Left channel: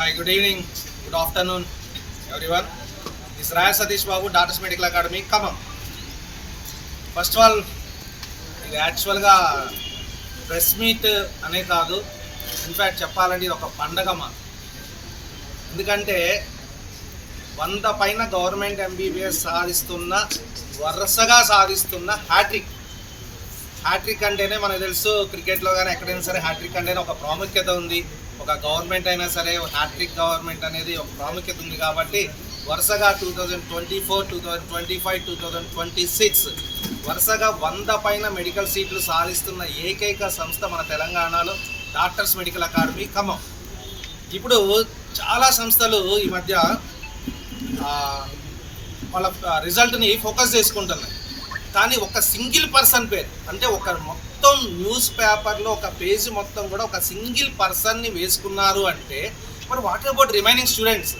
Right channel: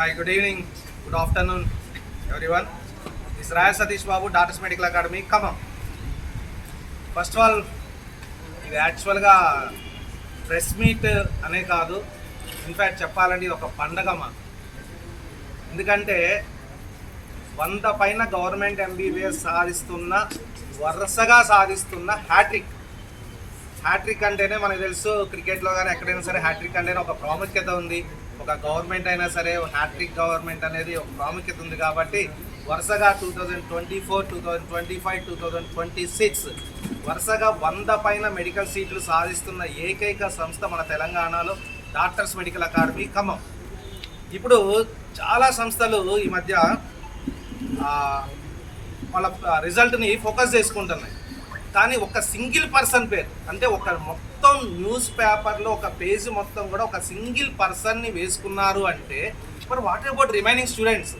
Hi, good evening, good afternoon, everyone. This is Raya Satish Babu, Doctors Medical Academy, Khammam. First of all ఇది యాక్చువల్గా press meet అనే కాదు, in fact చెప్పాలంటే ఇది ఒక పండగ మా. ఎందుకంటే 100 పైన గవర్నమెంట్ ఎంబీబీఎస్ వరుసగా సాధిస్తున్న హ్యాట్రిక్ అంటేనే మనకు తెలుసు, క్రికెట్లో కానీ ఎక్కడైనా సరే హ్యాట్రిక్ అంటేనే ఒక ప్రాముఖ్యత ఉంది. ఒక గవర్నమెంట్ అయినా సరే హ్యాట్రిక్ గవర్నమెంట్ అనేది ఒక ప్రాముఖ్యత ఉంది. కాబట్టి వరుసగా 2024, 2025, 2026 వరుసగా 100 పైన మెడికల్ సీట్లు సాధిస్తున్న ఏకైక సంస్థ మన తెలంగాణలో డాక్టర్స్ మెడికల్ అకాడమీ ఖమ్మం. ఇప్పుడు చాలా సంస్థలు ఈ మధ్య వాళ్ళ రిజల్ట్ని ఫోకస్ చేసుకుంటున్నాయి. కానీ ఒక సింగిల్ పర్సన్ పేరు, అంటే ఒక మొత్తం న్యూస్ పేపర్లో ఒక పేజ్ మొత్తం కూడా ఒక సింగిల్ పర్సన్ని వేసుకున్నారు అంటే మరి వాట్ అబౌట్ రిమైనింగ్ స్టూడెంట్స్?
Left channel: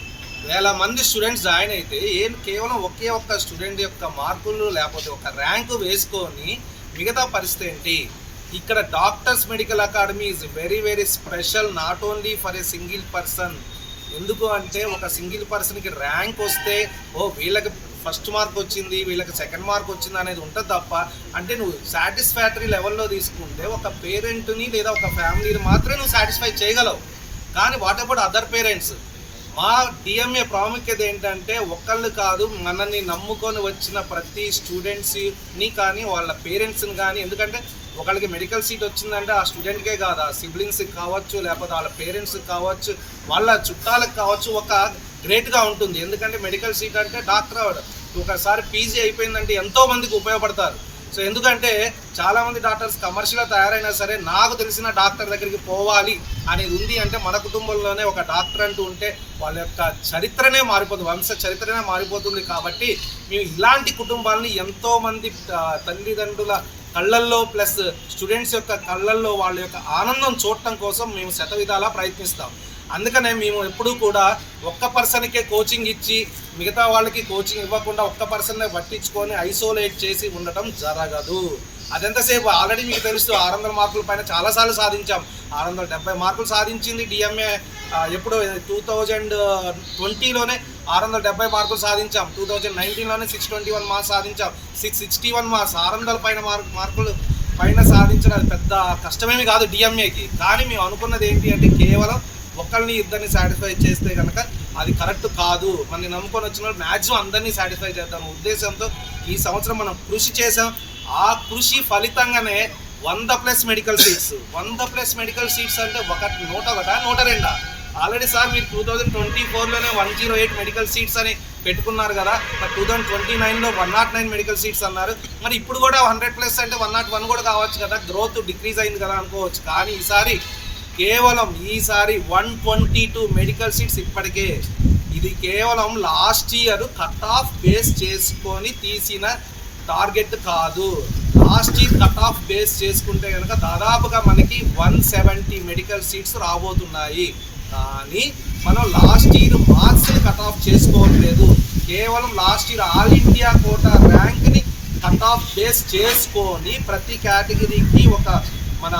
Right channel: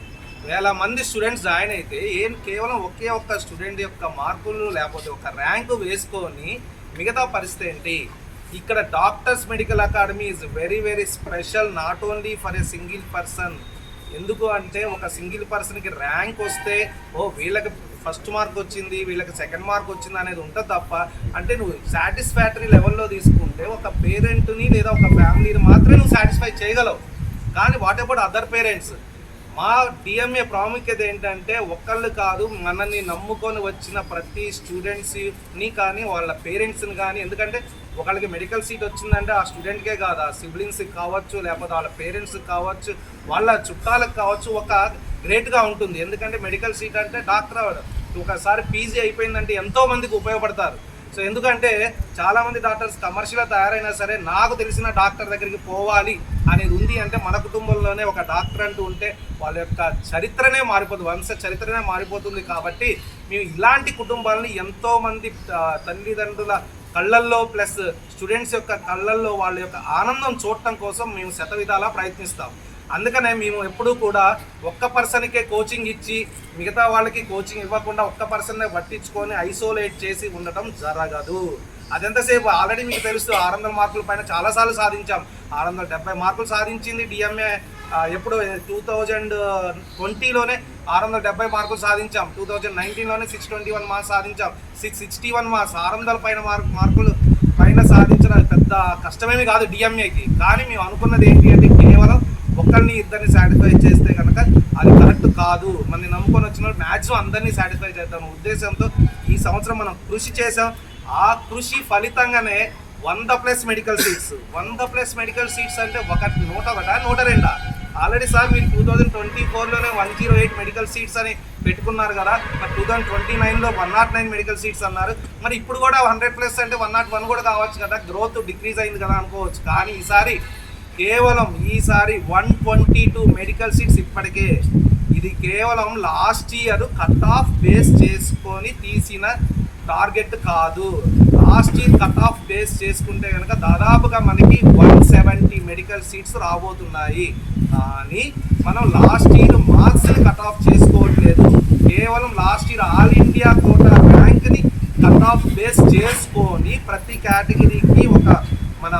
1000 మంది స్టూడెంట్స్ జాయిన్ అయితే కేవలం ఒకే ఒక్క స్టూడెంట్ యొక్క మార్కులు లేకపోతే ఒక ర్యాంకు వేసుకొని మిగతా పరిస్థితి ఏంటి? ఇక్కడ doctors medical academy is very very special, not only for a single person. ఎందుకు అంటే ఒక సింగిల్ పర్సన్కి ర్యాంక్ వస్తే వీళ్ళకి ఫస్ట్ మార్క్ వచ్చింది, వీళ్ళకి సెకండ్ మార్క్ వచ్చింది అనేది ఉంటుంది తప్ప, అంటే నువ్వు సాటిస్ఫాక్టరీ లెవెల్లో తీసుకుంటే ఒక పేరెంట్ని లేదా ఒక ఫ్యామిలీని మాత్రమే నువ్వు సాటిస్ఫై చేయగలవు. కానీ వాట్ అబౌట్ అదర్ పేరెంట్స్? మా డిఎంఏ ప్రాముఖ్యత ఏంటంటే ఒక్కళ్ళు కాదు, మనల్ని నమ్ముకొని వచ్చిన ప్రతి స్టూడెంట్స్ని కానీ వాళ్ళ పేరెంట్స్ని కానీ. ఎందుకంటే ఒకళ్ళకి మెడికల్ సీట్ వచ్చిందంటే ఆ స్టూడెంట్కే కాదు, ఆ సిబ్లింగ్స్కి కావచ్చు, లేకపోతే వాళ్ళ పేరెంట్స్కి కావచ్చు, వాళ్ళ చుట్టాలకు కావచ్చు, ఒక గ్రేట్గా ఉంటుంది. ఎందుకంటే మెడికల్ సీట్ అంటే డాక్టర్ అవ్వడం, ఒకసారి పీజీ అయిపోయిందంటే ఎంతోమందికి ఉపయోగపడతారు. సో ఎందుకంటే చాలామంది డాక్టర్స్ కమర్షియల్గా తయారైనా సరే నాకు తెలిసిన డాక్టర్ దగ్గరికి పోవాలి అనేది ఉంది. అంటే మన కుటుంబంలోనే ఒక డాక్టర్ అంటూ ఉంటే వాళ్ళ యొక్క చరిత్రనే మారిపోతుంది, వంశ చరిత్రనే మారిపోతుంది. కాబట్టి మేము ఇలాంటి కుటుంబాలని ఎంతోమంది తల్లిదండ్రుల కళ్ళల్లో ప్లస్ స్టూడెంట్స్ యొక్క కళ్ళల్లో వాళ్ళ యొక్క ఆనందం చూడటం కోసం మేము శతవిధాలా ప్రయత్నిస్తాం. అందుకనే మేము ఎప్పుడూ కూడా ఒక్క పర్సన్కే కోచింగ్ ఇచ్చి మిగతా వాళ్ళకి కోచింగ్ ఇవ్వకుండా ఒక్క పర్సన్నే పట్టించుకొని ఐసోలేట్ చేసి ఉండటం జరగదు. అదెంతసేపు ఆల్రెడీ మీకు తెలుసు, 600 మార్కుల పైన చాలాసార్లు సాధించాం. 670 మార్కులు సాధించింది డిఎంఏ. ఎప్పుడు 2020లోనే 670 మార్కులు సాధించాం. 2019లోనే 621 మార్క్స్ సాధించాం. 661 మార్క్స్, 600 పైన మార్కులు పైన సాధించడం పెద్ద కష్టమేమి కాదు డిఎంఏకి. కానీ మేము అనుకున్నది ఏంటి అంటే కేవలం ఒకరిని ఇద్దరిని సాటిస్ఫై చేస్తే కనుక అది కరెక్ట్ కాదు. మనని నమ్ముకొని వచ్చిన వాళ్ళు మ్యాక్సిమం అందరినీ సాటిస్ఫై చేద్దాం ఉద్దేశంతో ఈ సంవత్సరం మనం కృషి చేసాం. ఆ కృషి ఫలితంగానే 100+ మెడికల్ సీట్స్. 100+ మెడికల్ సీట్స్ అంటే 101, 102. ఆల్రెడీ సార్ మీరు 2024లోనే 108 మెడికల్ సీట్స్ అని పెట్టుకున్నారు కదా, మరి 2029లో 109 మెడికల్ సీట్స్ అన్నారు. మరి ఇప్పుడు కూడా 100+ అంటే 101 కూడా కావచ్చు కదా, గ్రోత్ డిక్రీజ్ అయింది కదా అనుకోవచ్చు. కానీ ఈసారి 122 మెడికల్ సీట్స్ ఇప్పటికే. ఇది కేవలం last year cut off base చేసుకొని తీసిన టార్గెట్ కాదు. Last year cut off base చేసుకుంటే కనుక దాదాపుగా మనకి 170 మెడికల్ సీట్స్ రాబోతున్నాయి. కానీ మనం లాస్ట్ ఇయర్ మార్క్స్ని కట్ ఆఫ్ చేసుకోవట్లేదు, కేవలం last year all India quota ర్యాంక్ని కట్ ఆఫ్ బేస్ చేసుకొని ప్రతి కేటగిరీకి ఒక మన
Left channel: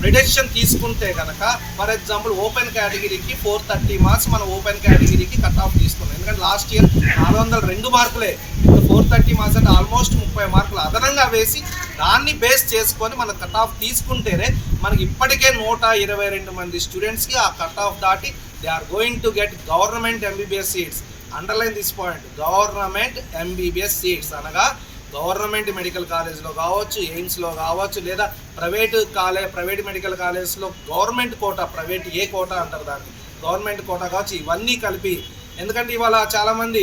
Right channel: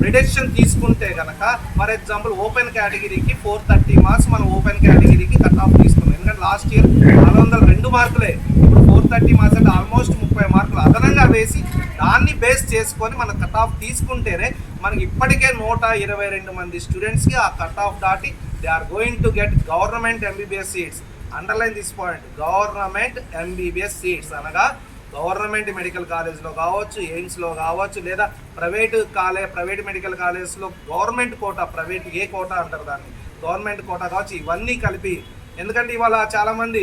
ప్రిడిక్షన్ తీసుకుంటే కనుక, ఫర్ ఎగ్జాంపుల్ ఓపెన్ కేటగిరీకి 430 మార్క్స్ మనం ఓపెన్ కేటగిరీకి కట్ ఆఫ్ తీసుకున్నాం. ఎందుకంటే లాస్ట్ ఇయర్ 402 మార్కులే, ఇప్పుడు 430 మార్క్స్ అంటే ఆల్మోస్ట్ 30 మార్కులు అదనంగా వేసి దాన్ని బేస్ చేసుకొని మనం కట్ ఆఫ్ తీసుకుంటేనే మనకి ఇప్పటికే 122 మంది స్టూడెంట్స్కి ఆ కట్ ఆఫ్ దాటి they are going to get government MBBS seats. Underline this point, government MBBS seats అనగా గవర్నమెంట్ మెడికల్ కాలేజ్లో కావచ్చు, ఎయిమ్స్లో కావచ్చు, లేదా ప్రైవేట్ మెడికల్ కాలేజ్లో గవర్నమెంట్ కోటా, ప్రైవేట్ ఏ కోటా అంటారు దాన్ని, గవర్నమెంట్ కోటా కావచ్చు, ఇవన్నీ కలిపి. ఎందుకంటే ఇవాళ చాలామంది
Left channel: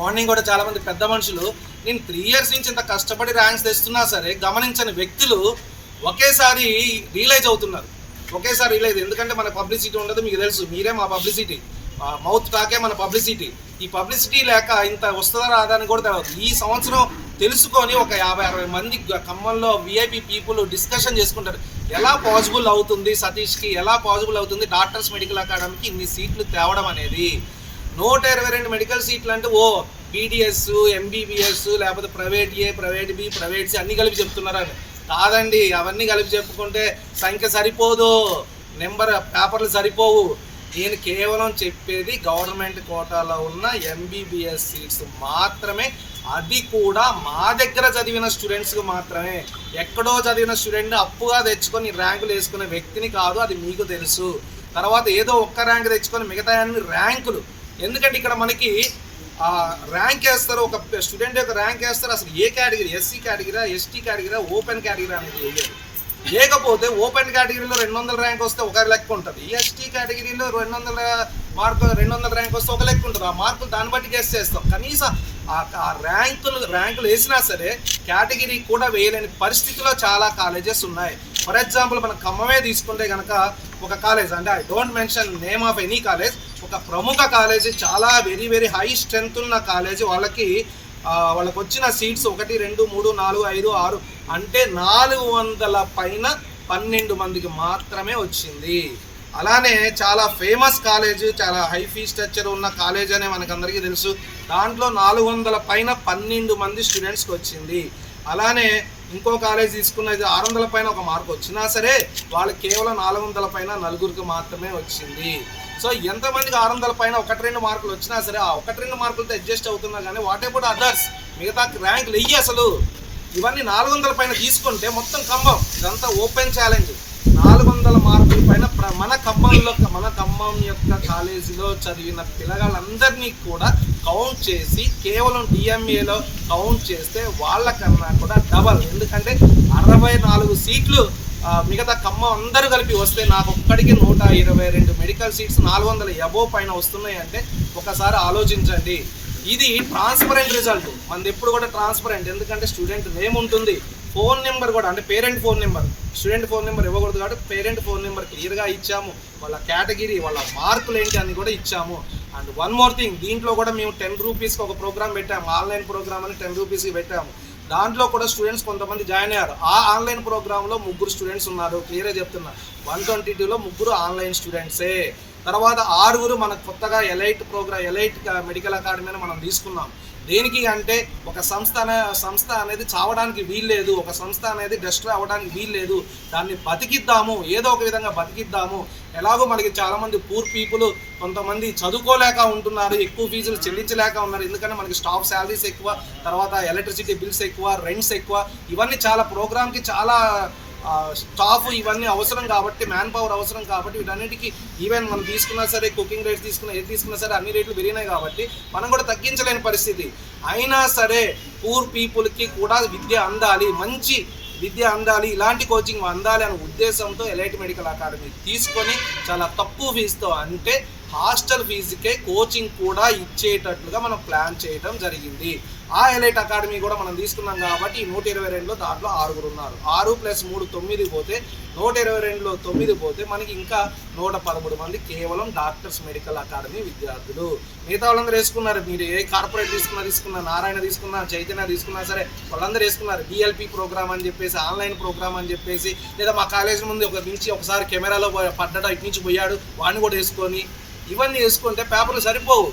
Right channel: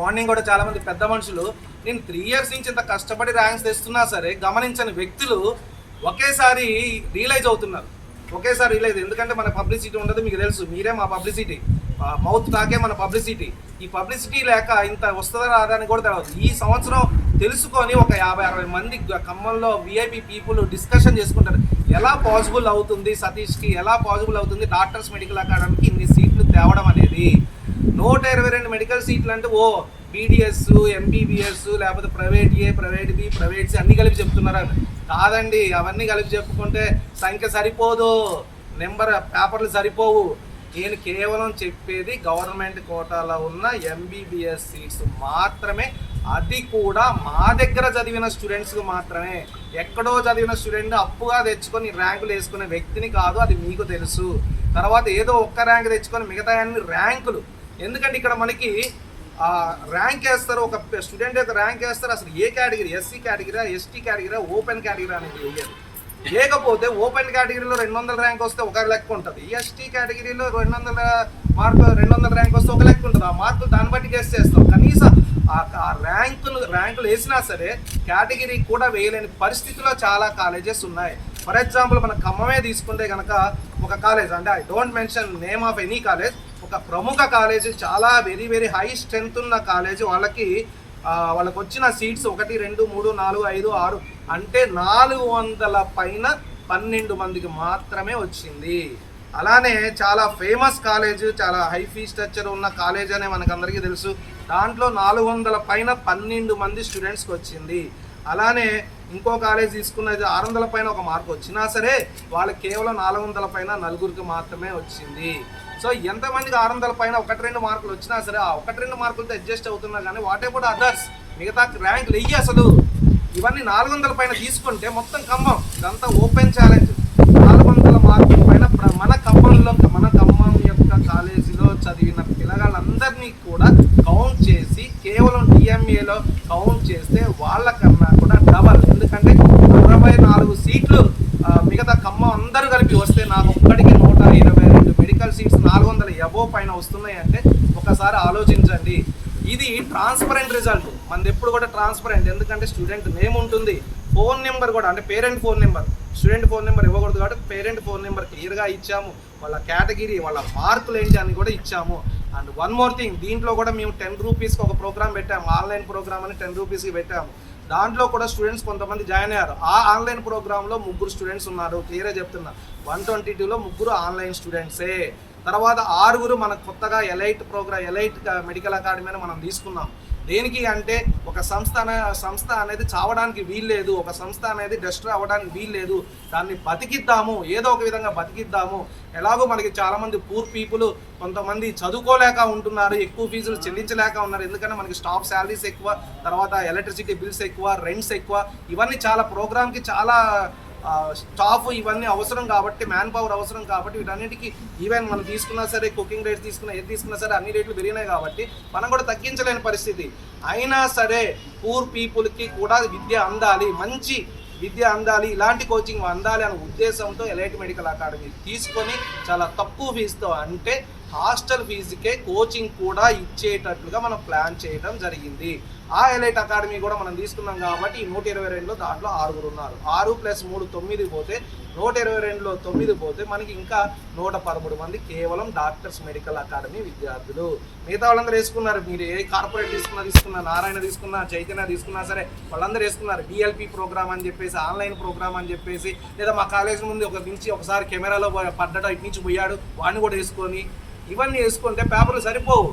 మార్నింగ్ కూడా చాలామంది పెద్ద మనుషులు నేను 3 ఇయర్స్ నుంచి ఇంత కష్టపడి ర్యాంక్స్ తెస్తున్నా సరే గమనించని వ్యక్తులు ఒకేసారి రియలైజ్ అవుతున్నారు. ఎందుకంటే మన పబ్లిసిటీ ఉండదు, మీకు తెలుసు, మీరే మా పబ్లిసిటీ, మౌత్ టాకే మన పబ్లిసిటీ. ఈ పబ్లిసిటీ లేక ఇంత వస్తుందా రాదా అని కూడా తెలియదు. ఈ సంవత్సరం తెలుసుకొని ఒక 50-60 మంది ఖమ్మంలో విఐపి పీపుల్ డిస్కషన్ చేసుకుంటారు, ఎలా పాసిబుల్ అవుతుంది సతీష్కి, ఎలా పాసిబుల్ అవుతుంది డాక్టర్స్ మెడికల్ అకాడమీకి ఇన్ని సీట్లు తేవడం అనేది. 122 మెడికల్ సీట్లు అంటే బీడిఎస్, ఎంబీబీఎస్, లేకపోతే ప్రైవేట్ ఏ, ప్రైవేట్ బి, ప్రైవేట్ సి అన్నీ కలిపి చెప్తున్నారా? కాదండి, అవన్నీ కలిపి చెప్పుకుంటే సంఖ్య సరిపోదు, నెంబర్ పేపర్లు సరిపోవు. నేను కేవలం చెప్పేది గవర్నమెంట్ కోటాలో ఉన్న ఎంబీబీఎస్ సీట్స్ మాత్రమే, అది కూడా మా దగ్గర చదివిన స్టూడెంట్స్కి మాత్రమే. ఎక్కడో చదివిన స్టూడెంట్ అప్పుగా తెచ్చుకొని ర్యాంకులు వేసుకునే వ్యక్తిని కాదు, అది మీకు తెలుసు. తర్వాత ఏదో ఒక్క ర్యాంక్ తెచ్చుకొని మిగతా అన్ని ర్యాంకులు, ఎందుకంటే ఇక్కడ మనకి ర్యాంక్ వేస్తారు, ఒక స్టూడెంట్ యొక్క ర్యాంక్ వేస్తారు. అసలు ఏ category, SC category, ST category, open category అనేది వేయదు. లేకపోతే ఓపెన్ కేటగిరీలో 200 ర్యాంక్ వస్తే ఒక లెక్క ఉంటుంది, ఎస్టీ కేటగిరీలో 200 ర్యాంక్ వస్తే ఒక లెక్క ఉంటుంది. ఆ మార్కులు దాన్ని బట్టి గెస్ చేస్తాం. కనీసం ఆ ర్యాంకులు వేసినా సరే కేటగిరీ కూడా వేయలేని పరిస్థితిలో చాలా కాలేజెస్ ఉన్నాయి. ఫర్ ఎగ్జాంపుల్ మన ఖమ్మమే తీసుకుంటే కనుక ఒక కాలేజ్, అంటే I don't mention name of any college, ఒక ప్రముఖ కాలేజీ, చాలా వెరీ వెరీ హై స్ట్రెంత్ ఉన్న కాలేజీ, వాళ్ళకి వచ్చిన సీట్స్ 1 2 3 4 5 6 అంటే 400 పైన 12 మందికి మాత్రమే వచ్చింది. అలానే చాలా ఫేమస్ కాలేజ్, చాలా హై ఫీ స్ట్రక్చర్ ఉన్న కాలేజ్ అనే మనకందరికీ తెలుసు. దాంట్లో 400 పైన 12 మంది స్టూడెంట్స్కి వచ్చింది. అలానే ఇంకో కాలేజ్ తీసుకున్నది 600 పైన ఒక మార్క్ వచ్చినా సరే వాళ్ళకి కేవలం 400 పైన 4 మాత్రమే వచ్చింది. సో ఎంతమందికి 600 పైన 1-2 మార్కులు వచ్చినా సరే ఆ 1-2 మార్కులతో అడ్జస్ట్ అవుతున్నా కానీ వాట్ అబౌట్ అదర్స్, మిగతా ర్యాంకులు వెయ్యి అసలు ఇవన్నీ 400 పైన తీసుకుంటే మొత్తం ఖమ్మం ఇదంతా ఓపెన్ ఛాలెంజ్. 400 మార్కుల పైన మన ఖమ్మం యొక్క కాలేజీలో చదివిన పిల్లగాళ్ళందరినీ కూడా కౌంట్ చేసి కేవలం డిఎంఏలో కౌంట్ చేస్తే వాళ్ళకన్నా కూడా డబల్, ఎందుకంటే 64 సీట్లు మిగతా ఖమ్మం అందరూ కలిపి వస్తే నాకు ఒక్కడికి 122 మెడికల్ సీట్స్ 400 అబోవ్ పైన వస్తున్నాయి అంటే ఒకసారి ఆలోచించండి. ఇది ట్రాన్స్పరెంట్ రిజల్ట్, మనది ఎప్పుడు కూడా ట్రాన్స్పరెంట్, ఎందుకంటే స్టూడెంట్ నేమ్ ఉంటుంది, ఫోన్ నెంబర్ కూడా, అంటే parent phone number, student phone number ఇవ్వకూడదు కాబట్టి పేరెంట్ ఫోన్ నెంబర్ క్లియర్గా ఇచ్చాము, వాళ్ళ కేటగిరీ, వాళ్ళ మార్కులు ఏంటి అని కూడా ఇచ్చాము. అండ్ వన్ మోర్ థింగ్, దీంట్లో కూడా మేము 10 రూపీస్కి ఒక ప్రోగ్రామ్ పెట్టాము, ఆన్లైన్ ప్రోగ్రామ్ అని 10 రూపీస్కి పెట్టాము. దాంట్లో కూడా స్టూడెంట్స్ కొంతమంది జాయిన్ అయ్యారు. ఆ ఆన్లైన్ ప్రోగ్రాంలో 3 స్టూడెంట్స్ ఉన్నారు, క్లియర్గా చెప్తున్నా. 122లో 3 ఆన్లైన్ స్టూడెంట్సే. తర్వాత 6 మనకు కొత్తగా ఎలైట్ మెడికల్ అకాడమీ అని మనం తీసుకున్నాం. దేనికి అంటే ఒక సంస్థ అనేది చావడానికి వీల్లేదు, ఒక సంస్థ అనేది డెస్ట్రాయ్ అవ్వడానికి వీల్లేదు, దాన్ని బతికిద్దాము, ఏదో ఒక విధంగా బతికిద్దాము. ఎలాగో మనకి చాలామంది పూర్ పీపుల్ కొంతమంది చదువుకోలేక ఉంటున్నారు, ఎక్కువ ఫీజులు చెల్లించలేక ఉన్నారు, ఎందుకంటే మనకి స్టాఫ్ శాలరీస్ ఎక్కువ, తర్వాత ఎలక్ట్రిసిటీ బిల్స్ ఎక్కువ, రెంట్స్ ఎక్కువ, ఇవన్నీ చాలా ప్రోగ్రామ్కి చాలా స్టాఫ్ ఇవన్నీ అవసరం కాబట్టి, మ్యాన్ పవర్ అవసరం కాబట్టి, వీటన్నిటికీ ఈవెన్ మనం తీసుకున్నా సరే, కుకింగ్ రేట్స్ తీసుకున్నా సరే అన్ని రేట్లు పెరిగినాయి కాబట్టి మనం కూడా తగ్గించలేని పరిస్థితి. అయినా సరే పూర్ పీపుల్కి కూడా విద్య అందాలి, మంచి విద్య అందాలి, ఇలాంటి కోచింగ్ అందాలి అనే ఉద్దేశంతో ఎలైట్ మెడికల్ అకాడమీ తీసుకొని చాలా తక్కువ ఫీజుతో, అంటే హాస్టల్ ఫీజుకే కోచింగ్ కూడా ఇచ్చేటట్లుగా మనం ప్లాన్ చేయడం జరిగింది. ఆ ఎలైట్ అకాడమీ కూడా మనం తీసుకున్నాం కాబట్టి ఈ 122లో దాంట్లో 6 ఉన్నారు. 6 + 3 9 పోతే 122లో 9 పోతే మనకి ఇంకా 113 మంది కేవలం డాక్టర్స్ మెడికల్ అకాడమీ విద్యార్థులు. మిగతా వాళ్ళందరూ వేసుకున్నారు, మీరు ఏ కార్పొరేట్ తీసుకున్నా, నారాయణ తీసుకున్నా, చైతన్య తీసుకున్నా సరే వాళ్ళందరూ వేసుకున్నారు. డిఎల్పి ప్రోగ్రామ్ అని చెప్పేసి, ఆన్లైన్ ప్రోగ్రామ్ అని చెప్పేసి, లేదా మా కాలేజ్ ముందు ఒకసారి కెమెరాలో పడ్డాడు, ఇటు నుంచి పోయాడు, వాడిని కూడా వేసుకొని, ఇవన్నీ వేసుకుంటే పేపర్లు సరిపోవు.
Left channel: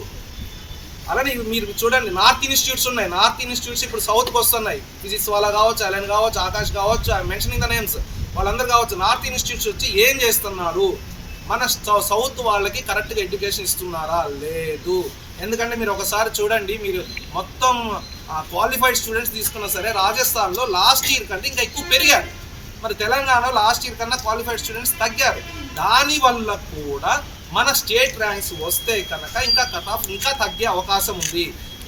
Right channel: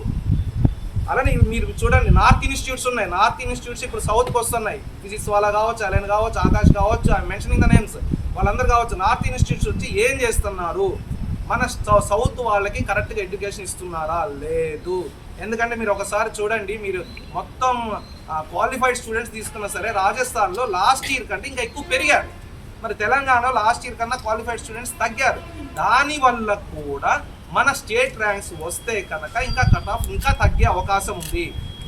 అలానే మీరు చూడండి, నార్త్ ఇన్స్టిట్యూట్స్ ఉన్నాయి, నార్త్ ఇన్స్టిట్యూట్స్ ఇప్పుడు సౌత్కి వస్తున్నాయి. ఫిజిక్స్ వాళ్ళ కావచ్చు, అలైన్ కావచ్చు, ఆకాష్ కావచ్చు, ఐ మెన్షనింగ్ ద నేమ్స్, వాళ్ళందరూ కావచ్చు. నార్త్ ఇన్స్టిట్యూట్స్ వచ్చి ఏం చేస్తున్నారు, మన సౌత్ వాళ్ళకి కరెక్ట్గా ఎడ్యుకేషన్ ఇస్తున్నారా? లేదు. ఎందుకంటే మీరు ఒకసారి చూడండి, మీరు మొత్తం క్వాలిఫైడ్ స్టూడెంట్స్ తీసుకున్నా సరే రాజస్థాన్లో లాస్ట్ ఇయర్ కంటే ఇంకా ఎక్కువ పెరిగారు, మరి తెలంగాణలో లాస్ట్ ఇయర్ కన్నా క్వాలిఫైడ్ స్టూడెంట్స్ తగ్గారు. దానివల్ల కూడా మన స్టేట్ ర్యాంక్స్ వస్తే కనుక ఇంకా కట్ ఆఫ్ ఇంకా తగ్గే అవకాశం ఉంది.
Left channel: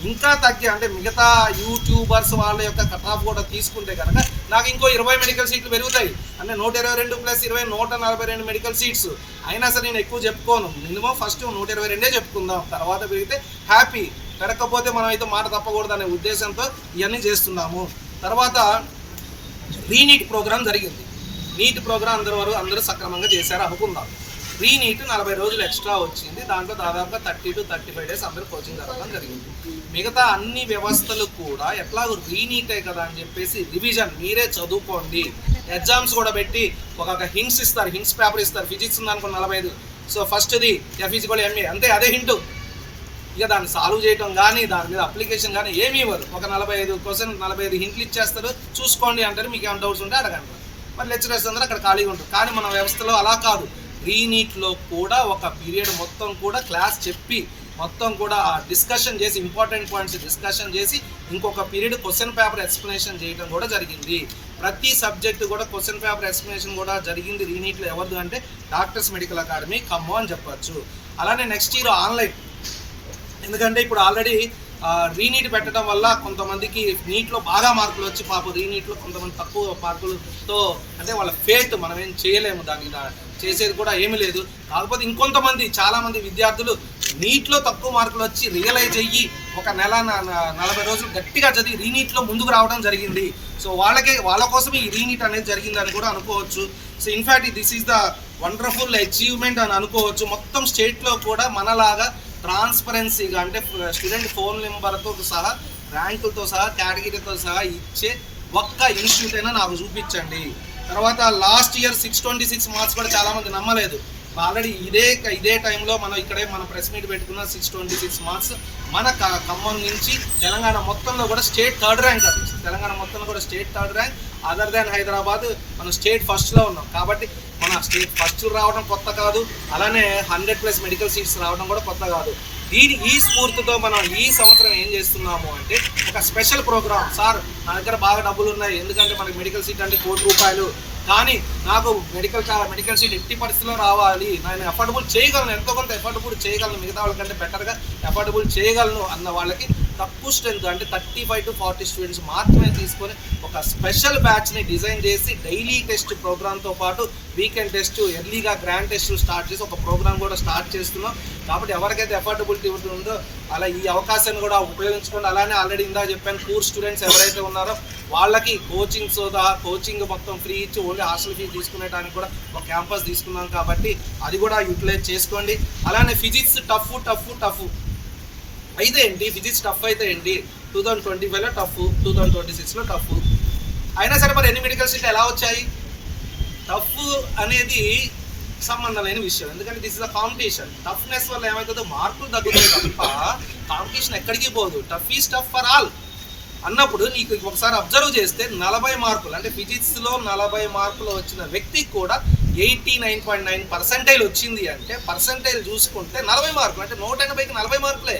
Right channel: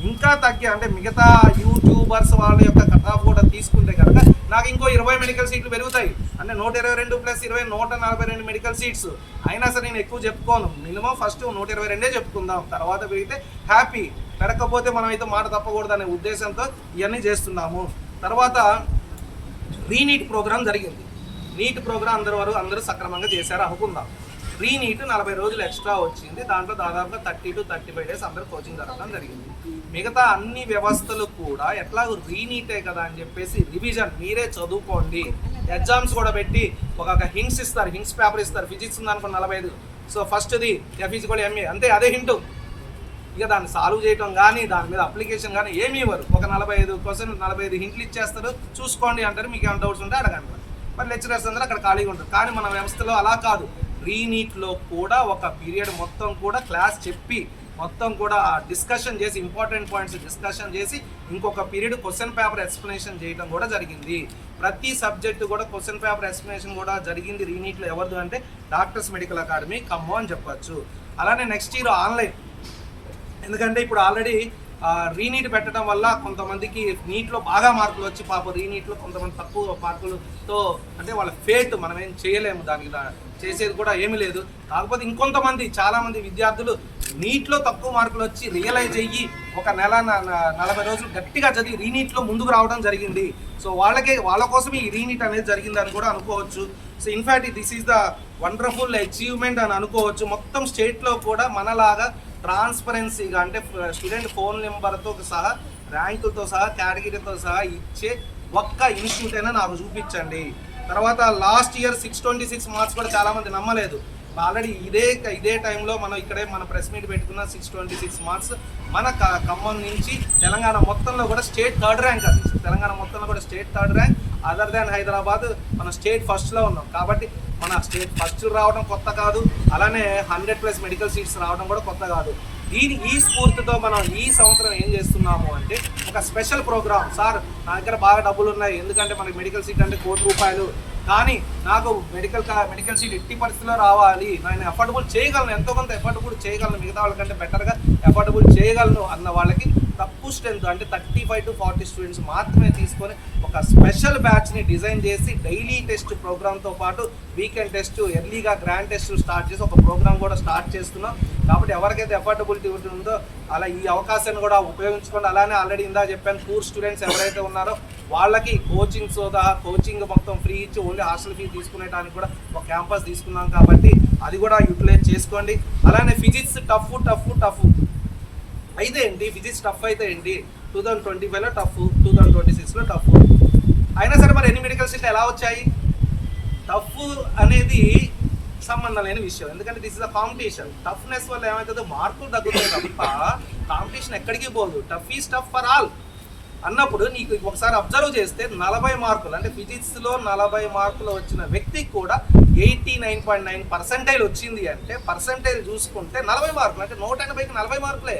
ఇంకా తగ్గే అంటే మిగతా యూట్యూబర్స్ వాళ్ళ యొక్క కట్ ఆఫ్ కూడా తీసుకుంటే కనుక నాకు ఇంకో 20 మెడికల్ సీట్లు పెరుగుతాయి, అంటే 122 + 20 142 మెడికల్ సీట్స్. అయినా సరే నేను ఎక్కువ చెప్పుకోను, మినిమం ఫస్ట్ 122 చెప్పుకుందాం, తర్వాత పెరిగితే హ్యాపీ, పెరగకపోతే మనం అయితే మాట తప్పకూడదు అనే ఉద్దేశంతో ఇవన్నీ చేస్తున్నాము. తర్వాత రీనీట్ ప్రోగ్రామ్ జరిగింది. నీట్ ప్రోగ్రామ్ అందరూ సక్రమంగా చేశారు అనుకుందాం. రీనీట్ 40 రోజులు ఎక్స్ట్రా వచ్చింది, దాంట్లో దాదాపుగా 30 to 35 days అందరూ కోచింగ్ జరగడం జరిగింది. మిగతా అన్ని వ్యవస్థలు కూడా ఎట్లాగో రీనీటే కదా అని చెప్పేసి రివిజన్ మీరే చదువుకోండి, ఎగ్జామ్స్ కూడా పెట్టి ఒక హింట్స్ ఇస్తారు, హింట్స్ పేపర్ ఇస్తారు. ఫిజిక్స్ ఉందనుకో 45, సో ఫస్ట్ది ఫిజికల్ ఎంఏ అంతే, అదే హింటు. ఇక దాన్ని సాల్వ్ చేయడం కానీ దాని మీద అప్లికేషన్ కానీ ఏమీ ఇవ్వరు. ఒక 45 హింట్లు ఇచ్చేస్తారు, చూసుకోండి అంటారు, మీకు ఏమైనా డౌట్స్ ఉంటే అడగండి. మరి లెక్చరర్స్ అందరూ అక్కడ ఖాళీగా ఉంటారు. కానీ మన వ్యవస్థలో అలా కాదు, రీనీట్లో కూడా ఒక పీరియడ్ మొత్తం కూడా క్లాస్ చెప్పి మొత్తం కూడా డిస్కషన్ చేసి ఇంపార్టెంట్ పాయింట్స్ డిస్కషన్ చేసి ఇంకొక పీరియడ్ క్వశ్చన్ పేపర్ ఎక్స్ప్లెనేషన్ చేయడం కూడా జరిగింది. ప్రతి సబ్జెక్టు కూడా క్వశ్చన్ పేపర్ ఎక్స్ప్లెనేషన్ కూడా జరిగింది రీనీట్లో. ఎవరిది అంటే డాక్టర్స్ మెడికల్ అకాడమీ ఖమ్మం అని చెప్పచ్చు. అలానే నెక్స్ట్ ఇయర్ ఆన్లైన్, ఎందుకంటే ఇప్పుడు ఆల్రెడీ రీనీట్ పెట్టడం వల్ల కొంతమందికి నీట్లో బాగా మార్కులు వచ్చి పాపం రీనీట్లో కొంతమంది తక్కువ మార్కులతో అంటే వాళ్ళ ఫేట్ మనం ఏం చేయలేము, దానికి చేసేది కూడా ఏమీ లేదు. కాకపోతే ఇంకొంతమంది చాలామంది విద్యార్థులు నీట్లో తక్కువ మార్కులు వచ్చి రియలైజ్ అయ్యి ఒక నెల 40 రోజులు గట్టిగా చదివి రీనీట్లో ముందుకు రావడం జరిగింది. సో వాళ్ళ కోసం ఈ రీనీట్ అనేది జరిగిందని కూడా అనుకోవచ్చు. So in fact this is the wonderful achievement అని అనుకోవచ్చు. మొత్తం స్టేట్లో కూడా మనలాగా ట్రాన్స్పరెన్సీగా అంటే స్టూడెంట్ ఫోన్ నెంబర్తో సహా ర్యాంకులతో సహా కేటగిరీతో సహా ఇచ్చే ఒక్క ఇన్స్టిట్యూట్ అయినా నాకు చూపించండి. తర్వాత లాస్ట్ ఇయర్ 626 మార్క్స్ కూడా చాలామంది నమ్మలేదు. ఆల్రెడీ ఇదే టైంలో మనం ఇక్కడే మన ప్రెస్ మీట్ పెట్టుకున్న 626 మార్క్స్ మన ఖమ్మం నుంచి తెలంగాణ మొత్తంలో కూడా స్టేట్ 3rd ర్యాంక్. అది తెలంగాణ మొత్తంలో కూడా state 3rd rank. Other than Hyderabad మనం స్టేట్ ఫస్ట్లో ఉన్నాం. కాబట్టి మన స్టేట్ ఫస్ట్లు రావడం కొత్త కాదు, అలానే 100+ మెడికల్ సీట్స్ రావడం కూడా కొత్త కాదు. ఈ స్ఫూర్తితో మనం ఈ సంవత్సరం ఏం చేస్తున్నాము అంటే ఒక స్పెషల్ ప్రోగ్రామ్. సార్ నా దగ్గర బాగా డబ్బులు ఉన్నాయి, ఎందుకంటే మనకి మెడికల్ సీట్ అంటే ₹1,00,00,000, కానీ నాకు మెడికల్ సీట్ ఎట్టి పరిస్థితిలో రావాలి, నేను ఎఫర్డబుల్ చేయగలను, ఎంతో కొంత ఎఫర్డబుల్ చేయగలను, మిగతా వాళ్ళకంటే బెటర్గా ఎఫర్డబుల్ చేయగలను అన్న వాళ్ళకి తక్కువ స్ట్రెంత్ అంటే 35 to 40 స్టూడెంట్స్ మాత్రమే తీసుకొని ఒక స్పెషల్ బ్యాచ్ని డిజైన్ చేసి డైలీ టెస్ట్ ప్రోగ్రామ్తో పాటు వీకెండ్ టెస్ట్, ఎర్లీగా గ్రాండ్ టెస్ట్ స్టార్ట్ చేసి ఒక ప్రోగ్రామ్ కూడా స్టార్ట్ చేస్తున్నాం. కాబట్టి ఎవరికైతే ఎఫర్డబిలిటీ ఉంటుందో అలా ఈ అవకాశాన్ని కూడా ఉపయోగించుకోండి. అలానే ఆల్రెడీ ఇందా చెప్పాను, పూర్ స్టూడెంట్స్ ఎవరైతే ఉన్నారో వాళ్ళకి కోచింగ్ మొత్తం ఫ్రీ ఇచ్చి ఓన్లీ హాస్టల్ ఫీజు తీసుకునేటానికి కూడా ఒక క్యాంపస్ తీసుకున్నాం, కాబట్టి అది కూడా యూటిలైజ్ చేసుకోండి. అలానే ఫిజిక్స్ టఫ్ అయితే ఏంటి, ఫిజిక్స్ టఫ్ అయితే ఏంటి, 2025లో టఫ్, 2026లో టఫ్ అయినా సరే మరి ఎన్ని మెడికల్ సీట్లు ఎలా వచ్చాయి? టఫ్ అనేది సంబంధం లేని విషయం, ఎందుకంటే this is a competition. Toughness వల్ల ఏమవుతుందో మార్కులు తగ్గుతాయి తప్ప కాంపిటీషన్ ఎక్కడికి పోదు. Tough is tough for all అన్నప్పుడు నీకు ఒకసారి అబ్జర్వ్ చేస్తే 40 మార్కులు అంటే ఫిజిక్స్లో 40 మార్కులు వచ్చిన వ్యక్తికి కూడా 89.9% వచ్చింది. అంటే పర్సంటైల్ చూసుకుంటే 40 మార్కులు అంటే 180కి 40 మార్కులే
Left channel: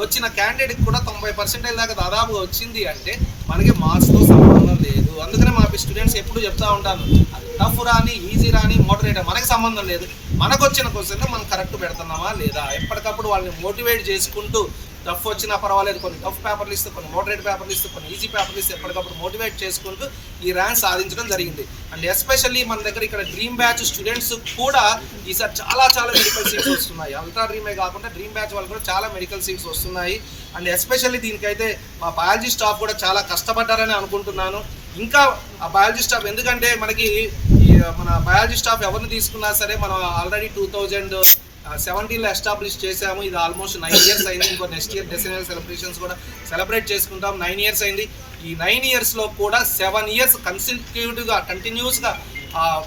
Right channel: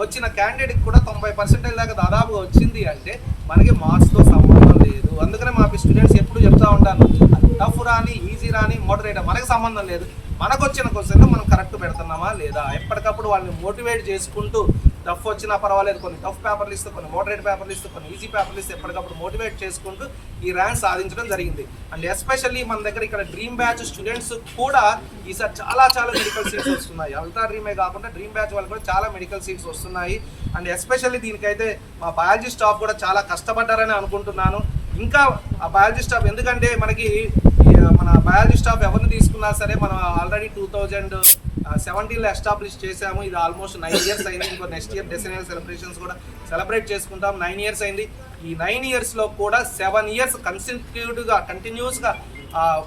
వచ్చిన క్యాండిడేట్కి కూడా 90% దాకా దాదాపుగా వచ్చింది. అంటే మనకి మార్క్స్తో సంబంధం లేదు. అందుకనే మా స్టూడెంట్స్ ఎప్పుడు చెప్తూ ఉంటాను, అది టఫ్ రాని ఈజీ రాని మోడరేట్ మనకు సంబంధం లేదు. మనకు వచ్చిన క్వశ్చన్ మనం కరెక్ట్ పెడుతున్నామా లేదా, ఎప్పటికప్పుడు వాళ్ళని మోటివేట్ చేసుకుంటూ టఫ్ వచ్చినా పర్వాలేదు, కొన్ని టఫ్ పేపర్లు ఇస్తూ, కొన్ని మోడరేట్ పేపర్లు ఇస్తూ, కొన్ని ఈజీ పేపర్లు ఇస్తూ ఎప్పటికప్పుడు మోటివేట్ చేసుకుంటూ ఈ ర్యాంక్ సాధించడం జరిగింది. అండ్ ఎస్పెషల్లీ మన దగ్గర ఇక్కడ డ్రీమ్ బ్యాచ్ స్టూడెంట్స్ కూడా ఈసారి చాలా మెడికల్ సీట్స్ వస్తున్నాయి. అల్ట్రా డ్రీమే కాకుండా డ్రీమ్ బ్యాచ్ వాళ్ళు కూడా చాలా మెడికల్ సీట్స్ వస్తున్నాయి. అండ్ ఎస్పెషల్లీ దీనికైతే మా బయాలజీ స్టాఫ్ కూడా చాలా కష్టపడ్డారని అనుకుంటున్నాను. ఇంకా ఆ బయాలజీ స్టాఫ్, ఎందుకంటే మనకి మన బయాలజీ స్టాఫ్ ఎవరిని తీసుకున్నా సరే మనం ఆల్రెడీ 2017లో ఎస్టాబ్లిష్ చేసాము. ఇది ఆల్మోస్ట్ 9 years అయింది. ఇంకో నెక్స్ట్ ఇయర్ డెసినల్ సెలబ్రేషన్స్ కూడా సెలబ్రేట్ చేసుకుంటాం. 9 years అయింది. ఈ 9 yearsలో కూడా 7 years కంటిన్యూస్గా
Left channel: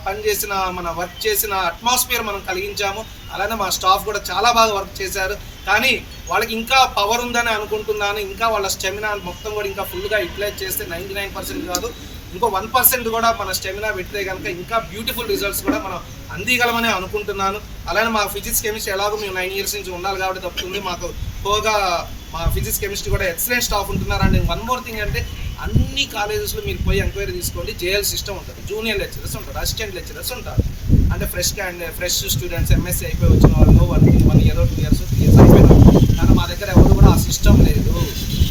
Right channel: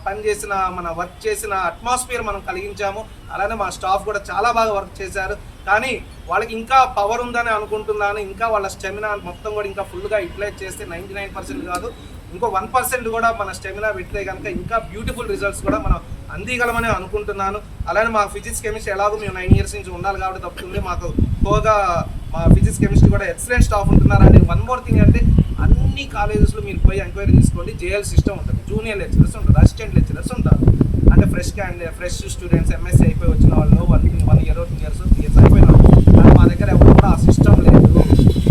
పనిచేసిన వర్క్ చేసిన అట్మాస్ఫియర్ మనం కలిగించాము. అలానే మా స్టాఫ్ కూడా చాలా బాగా వర్క్ చేశారు. కానీ వాళ్ళకి ఇంకా పవర్ ఉందని అనుకుంటున్నాను. ఇంకా వాళ్ళ స్టెమినా మొత్తం కూడా ఇంకా ఫుల్గా యూటిలైజ్ చేస్తే 99% కాదు, ఇంకో 1% కూడా మన స్టెమినా పెడితే కనుక ఇంకా బ్యూటిఫుల్ రిజల్ట్స్ కూడా మనం అందిగలమని అనుకుంటున్నాను. అలానే మా ఫిజిక్స్ కెమిస్ట్రీ ఎలాగో మేము 9 years నుంచి ఉండాలి కాబట్టి తప్పుతుంది. మాకు పోగా మా ఫిజిక్స్ కెమిస్ట్రీ కూడా ఎక్సలెంట్ స్టాఫ్ ఉంటున్నారు. అండ్ వన్ మోర్ థింగ్ అంటే అన్ని కాలేజెస్లో మీరు పోయి ఎంక్వైరీ తీసుకోండి, జేఎల్ సిస్టమ్ ఉంటుంది, జూనియర్ లెక్చరర్స్ ఉంటారు, అసిస్టెంట్ లెక్చరర్స్ ఉంటారు. అంటే ఫ్రెష్ స్టూడెంట్స్ ఎంఎస్సీ అయిపోయి వచ్చిన వాళ్ళు 1 year 2 years 3 years అయిపోయినారు. కానీ మా దగ్గర ఎవరు కూడా ఆ సిస్టమ్ లేదు.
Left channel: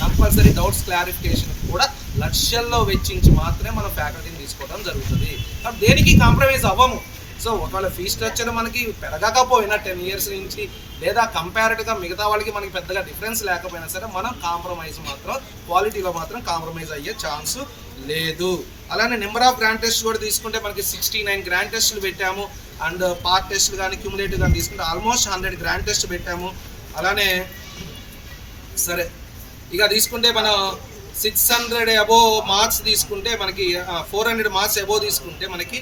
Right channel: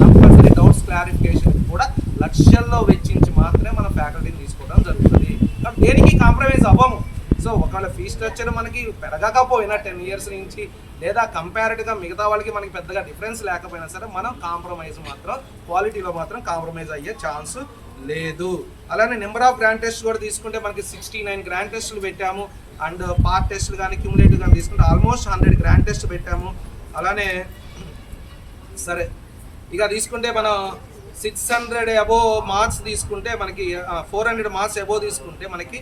కంపల్సరీ డౌట్స్ క్లారిఫికేషన్ కూడా లక్షల్లో వెచ్చించి మాత్రమే మనం ఫ్యాకల్టీని తీసుకోవడం జరుగుతుంది. కాబట్టి దేనికి కాంప్రమైజ్ అవ్వము. సో ఒకవేళ ఫీ స్ట్రక్చర్ మనకి పెరగకపోయినా 10 years నుంచి లేదా కంపారిటివ్గా మిగతా వాళ్ళకి మనకి పెద్దగా డిఫరెన్స్ లేకపోయినా సరే మనం కాంప్రమైజ్ మాత్రం క్వాలిటీలో మాత్రం కాంప్రమైజ్ అయ్యే ఛాన్స్ లేదు. అలానే నెంబర్ ఆఫ్ గ్రాండ్ టెస్ట్ కూడా తీసుకుంటే మనకి 69 గ్రాండ్ టెస్టులు పెట్టాము. అండ్ పార్ట్ టెస్టులు కానీ క్యూములేటివ్ కానీ తీసుకుంటే ఆల్మోస్ట్ 100 గ్రాండ్ టెస్ట్ పెట్టాము. అలానే సరే ఇక తీసుకుంటే మనం 600 అబోవ్ మార్క్స్ తీసుకుంటే మనకి 400 మార్క్స్ అబోవ్ తీసుకుంటే మనకి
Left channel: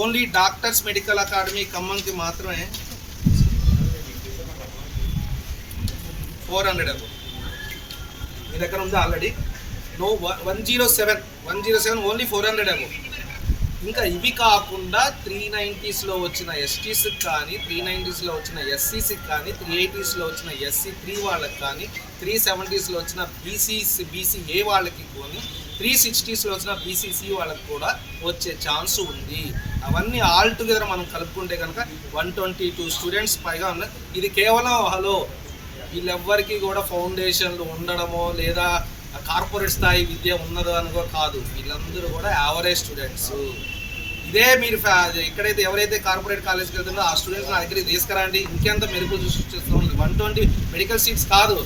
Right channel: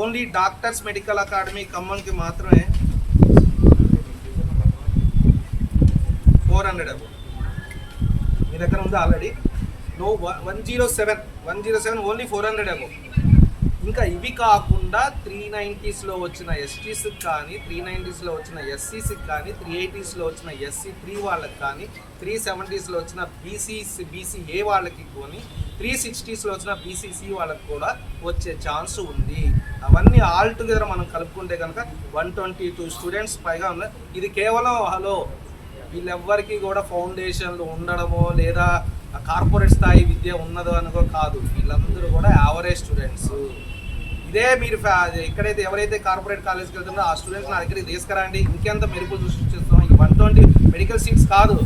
ఓన్లీ డాక్టర్స్ మెడికల్ అకాడమీ ఖమ్మంకి మాత్రమే 400 అబోవ్ మీ దగ్గర ఉంది ఆల్రెడీ. 107 only 400 above. ఇంకా ఇవి కాకుండా 390స్లో వచ్చిన ఎస్టీస్కి కానీ 390స్లో వచ్చిన ఎస్సీస్కి కానీ 380స్లో వచ్చిన SC3 వాళ్ళకి కానీ 370స్లో వచ్చిన బీసీఏ వాళ్ళకి కొని 360స్లో వచ్చిన BCC వాళ్ళకి కూడా వచ్చే ఛాన్స్ ఉంది. అవన్నీ ఆల్ టుగెదర్ మనం కలుపుకుంటే కనుక 122 స్టూడెంట్స్ పైగా ఉన్నాయి. ఇది కేవలం వీళ్ళెవ్వరికి కూడా ఫౌండేషన్లు ఉండడమో లేదా కార్పొరేట్ స్థాయి విద్య ఉన్నదో అనుకో కాదు, వీళ్ళందరూ కూడా యావరేజ్ స్టూడెంట్స్. ఇదే మీరు ఎక్కడైతే ఎవరైతే కార్పొరేట్ కాలేజ్కి వెళ్తుందో ఆ స్టూడెంట్స్ నా దగ్గరికి తీసుకురండి, ఇంకెంత మెరుగులు సృష్టిస్తాం. ఈ 120 మెడికల్ సీట్స్ కాదు,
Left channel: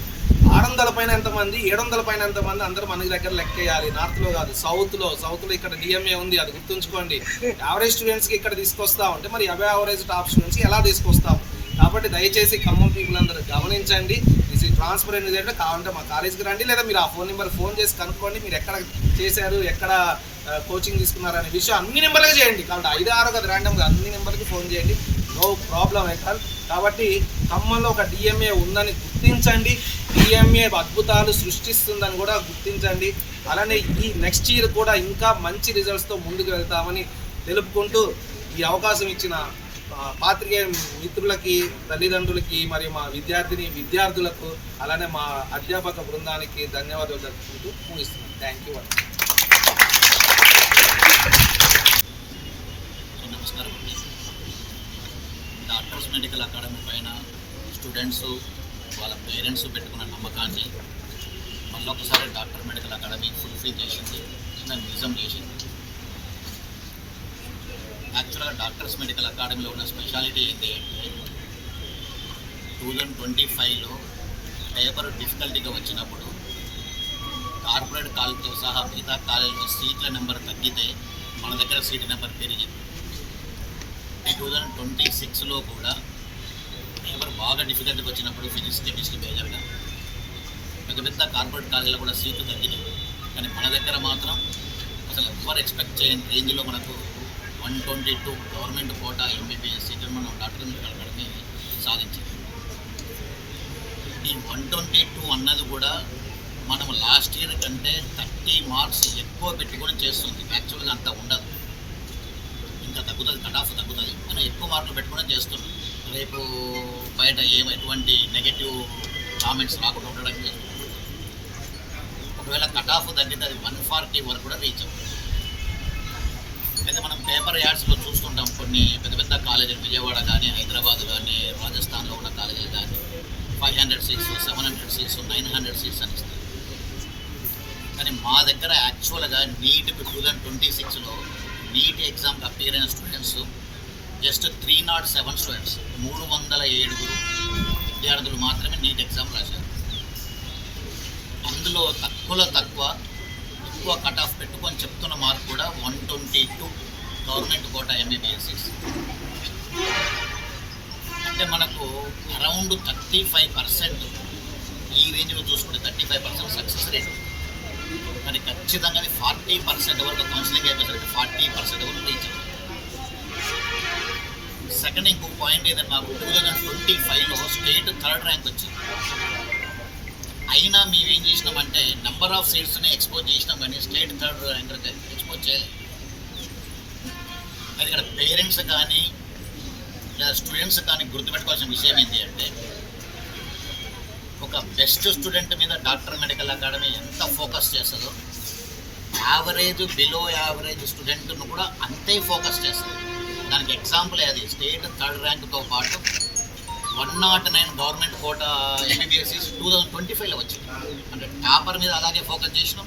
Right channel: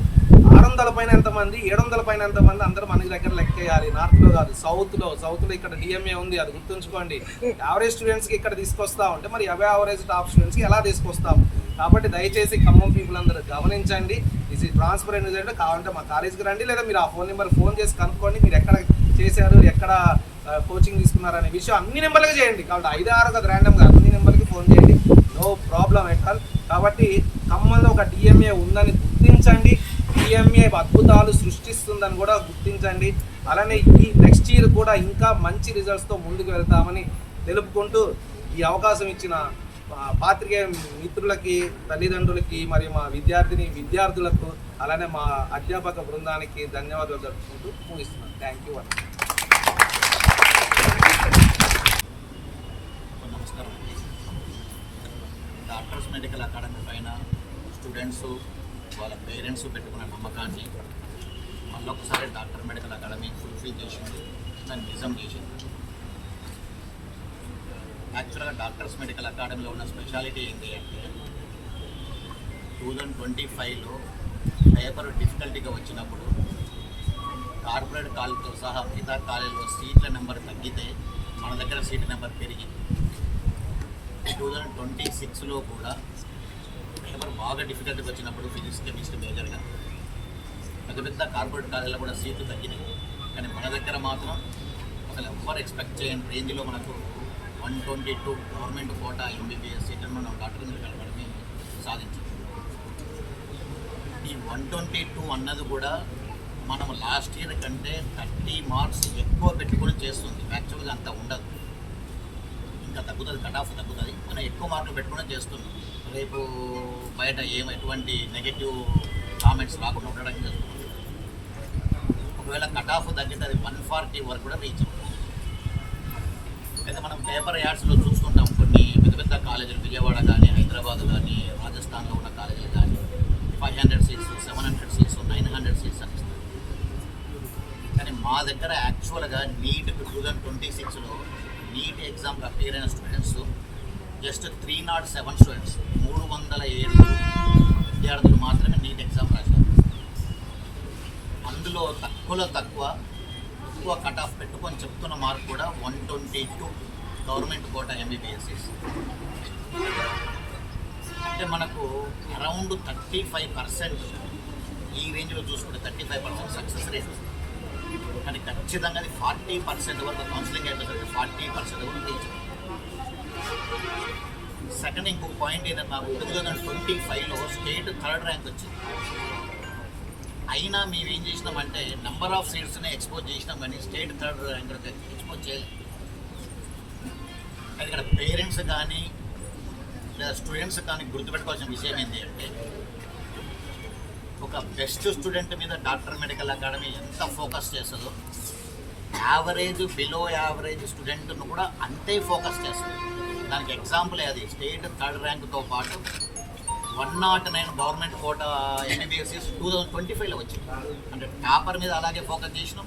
600 పైన ఎంతమంది 700 పైన ఎంతమంది అందరూ మన దగ్గర లెక్కేయాలి. నార్త్లో కాదు, సౌత్లో ఇక్కడ DMA ఉంది, అది గుర్తుంచుకోండి. యావరేజ్ స్టూడెంట్స్కి ఇక్కడ తీసుకొస్తా ఉంటే మరి యావరేజ్ టాప్ స్టూడెంట్స్కి ఎలా తీసుకొస్తాము? కాబట్టి దయచేసి ఖమ్మం పీపుల్ అందరూ గమనించండి. ఇది ట్రాన్స్పరెంట్ రిజల్ట్ కావాలంటే మా కాలేజీకి రండి, లేదా మీరు ఆ ఫోన్ చేసి కనుక్కోండి మీరు ఎక్కడ చేశారు, ఎక్కడ కోచింగ్ తీసుకున్నారు అనే విషయం అన్ని నెంబర్లకి చేయండి. కాబట్టి 5-6 కదా ర్యాండమ్గా అన్ని నెంబర్కి ఫోన్ చేయండి, నో ప్రాబ్లం ఎట్ ఆల్. కాబట్టి ఖమ్మంలో ఒక DMA ఉందని గుర్తించండి, DMA అద్భుతాలు సృష్టిస్తుందని కూడా గుర్తించండి. అలానే ఈ నెక్స్ట్ ఇయర్ కూడా ఇంకా మంచి రిజల్ట్స్తో ముందుకు వెళ్తామని తెలుపుకుంటూ ఈ అవకాశం ఇచ్చిన పాత్రికేయ మిత్రులకి, తల్లిదండ్రులకి, మరియు మా విద్యార్థులకు, అలానే మా అధ్యాపక బృందానికి ధన్యవాదాలు జరుపుకుంటూ ముగిస్తున్నాను. Thank you. నమస్కారం అండి. డాక్టర్స్ మెడికల్ అకాడమీ పైన స్టూడెంట్స్ వాళ్ళ పేరెంట్స్ పెట్టుకున్న నమ్మకాన్ని మళ్ళొకసారి డాక్టర్ మెడికల్ అకాడమీ ఫుల్ఫిల్ చేసింది, దాన్ని నిజం చేసింది. యాక్చువల్గా డాక్టర్స్ మెడికల్ అకాడమీలో ఉన్న స్పెషాలిటీ ఏంటి అంటే 2025లో పేపర్ డిఫికల్టీగా వచ్చినప్పుడు కార్పొరేట్ కాలేజ్తో సహా మిగతా కాలేజీలో సీట్ల నెంబర్ తగ్గితే మన దగ్గర సీట్ నెంబర్ పెరిగింది. 2026లో కూడా పేపర్ బాగా డిఫికల్టీగా వచ్చినప్పుడు ఫిజిక్స్, కెమిస్ట్రీ మేజర్గా పెద్ద కార్పొరేట్ కాలేజీలో కూడా సీట్లు తగ్గినాయి. కానీ మన దగ్గర మాత్రం అసలు ఎవ్వరు ఎక్స్పెక్ట్ చేయని రేంజ్లో మనకు 122 గవర్నమెంట్ కోటా MBBS సీట్లు మనం డాక్టర్ మెడికల్ అకాడమీ సాధించింది. ఈ 122 అన్నది కూడా మనం లాస్ట్ ఇయర్ కంటే 30 మార్క్స్ ఎక్కువ పెట్టుకొని చేస్తుంది. యాక్చువల్గా అంత ఉండదు, ఇంకా తగ్గుతుంది, కట్ ఆఫ్ తగ్గుతుంది, మనం ఎక్కువ మార్కులు పెట్టుకొని చేస్తున్నాం. రేపు బయట ఎటువంటి నెగటివ్ కామెంట్స్ రాకుండా ఉండడానికి చేస్తున్నాం. ఒకవేళ కట్ ఆఫ్ తగ్గితే అది 140 వరకు కూడా రీచ్ అవుతుంది. అయితే మనం పేపర్ యాడ్స్లో చూస్తుంటాం కొన్ని పెద్ద కాలేజీలు, విజయవాడ కానీ, హైదరాబాద్ కానీ, రాజస్థాన్లో ఉన్న కాలేజీలు కానీ 500 సీట్స్, 700 సీట్స్, 900 సీట్స్ అని ఇస్తారు. కానీ మా దగ్గర యాక్చువల్గా నీట్ 2026లో నీట్ ఎగ్జామ్కి అపేర్ అయిన స్టూడెంట్స్ జస్ట్ 307 స్టూడెంట్స్, 307 విద్యార్థులు మాత్రమే నీట్ ఎగ్జామ్ రాశారు. అందులో తక్కువలో తక్కువ ఎక్కువ కట్ ఆఫ్ పెట్టుకొని చెప్తున్న మార్క్ కూడా 122 గవర్నమెంట్ కోటా MBBS సీట్స్. అంటే మనకు అరౌండ్ 35% ఈ రేంజ్లో చూసుకుంటే 35% సక్సెస్ రేట్. కానీ ఖచ్చితంగా 40% వరకు కౌన్సిలింగ్ అయిపోయేసరికి 40% వరకు రీచ్ అవుతుంది. సెకండ్ ఇంకొక పాయింట్ ఏంటంటే మాకు 2025లో స్టేట్ 3rd ర్యాంక్ వచ్చింది. అయినా మేము ఏం చేసినామంటే నెంబర్ ఆఫ్ సీట్స్ని ఎక్స్పోజ్ చేసినాం, కానీ స్టేట్ 3rd ర్యాంక్ ఎక్స్పోజ్ చేయలేదు. అది ఇక్కడ పేరెంట్స్ కానీ లేదా స్టూడెంట్స్ కానీ గుర్తుపెట్టుకోవాల్సిన విషయం ఏంటి అంటే ఒక బెస్ట్ స్టూడెంట్ మీద డాక్టర్ మెడికల్ అకాడమీ ఎంత ఫోకస్ చేస్తుందో యావరేజ్, బిలో యావరేజ్ స్టూడెంట్ను కూడా అంతే ఫోకస్ చేస్తుంది. దానికి ఎగ్జాంపులే అది స్టేట్ 3rd ర్యాంక్తో పాటు 109 గవర్నమెంట్ కోటా MBBS 2025లో వచ్చింది. అంటే టాపర్ మీద అలాగే ఫోకస్ చేసినాం,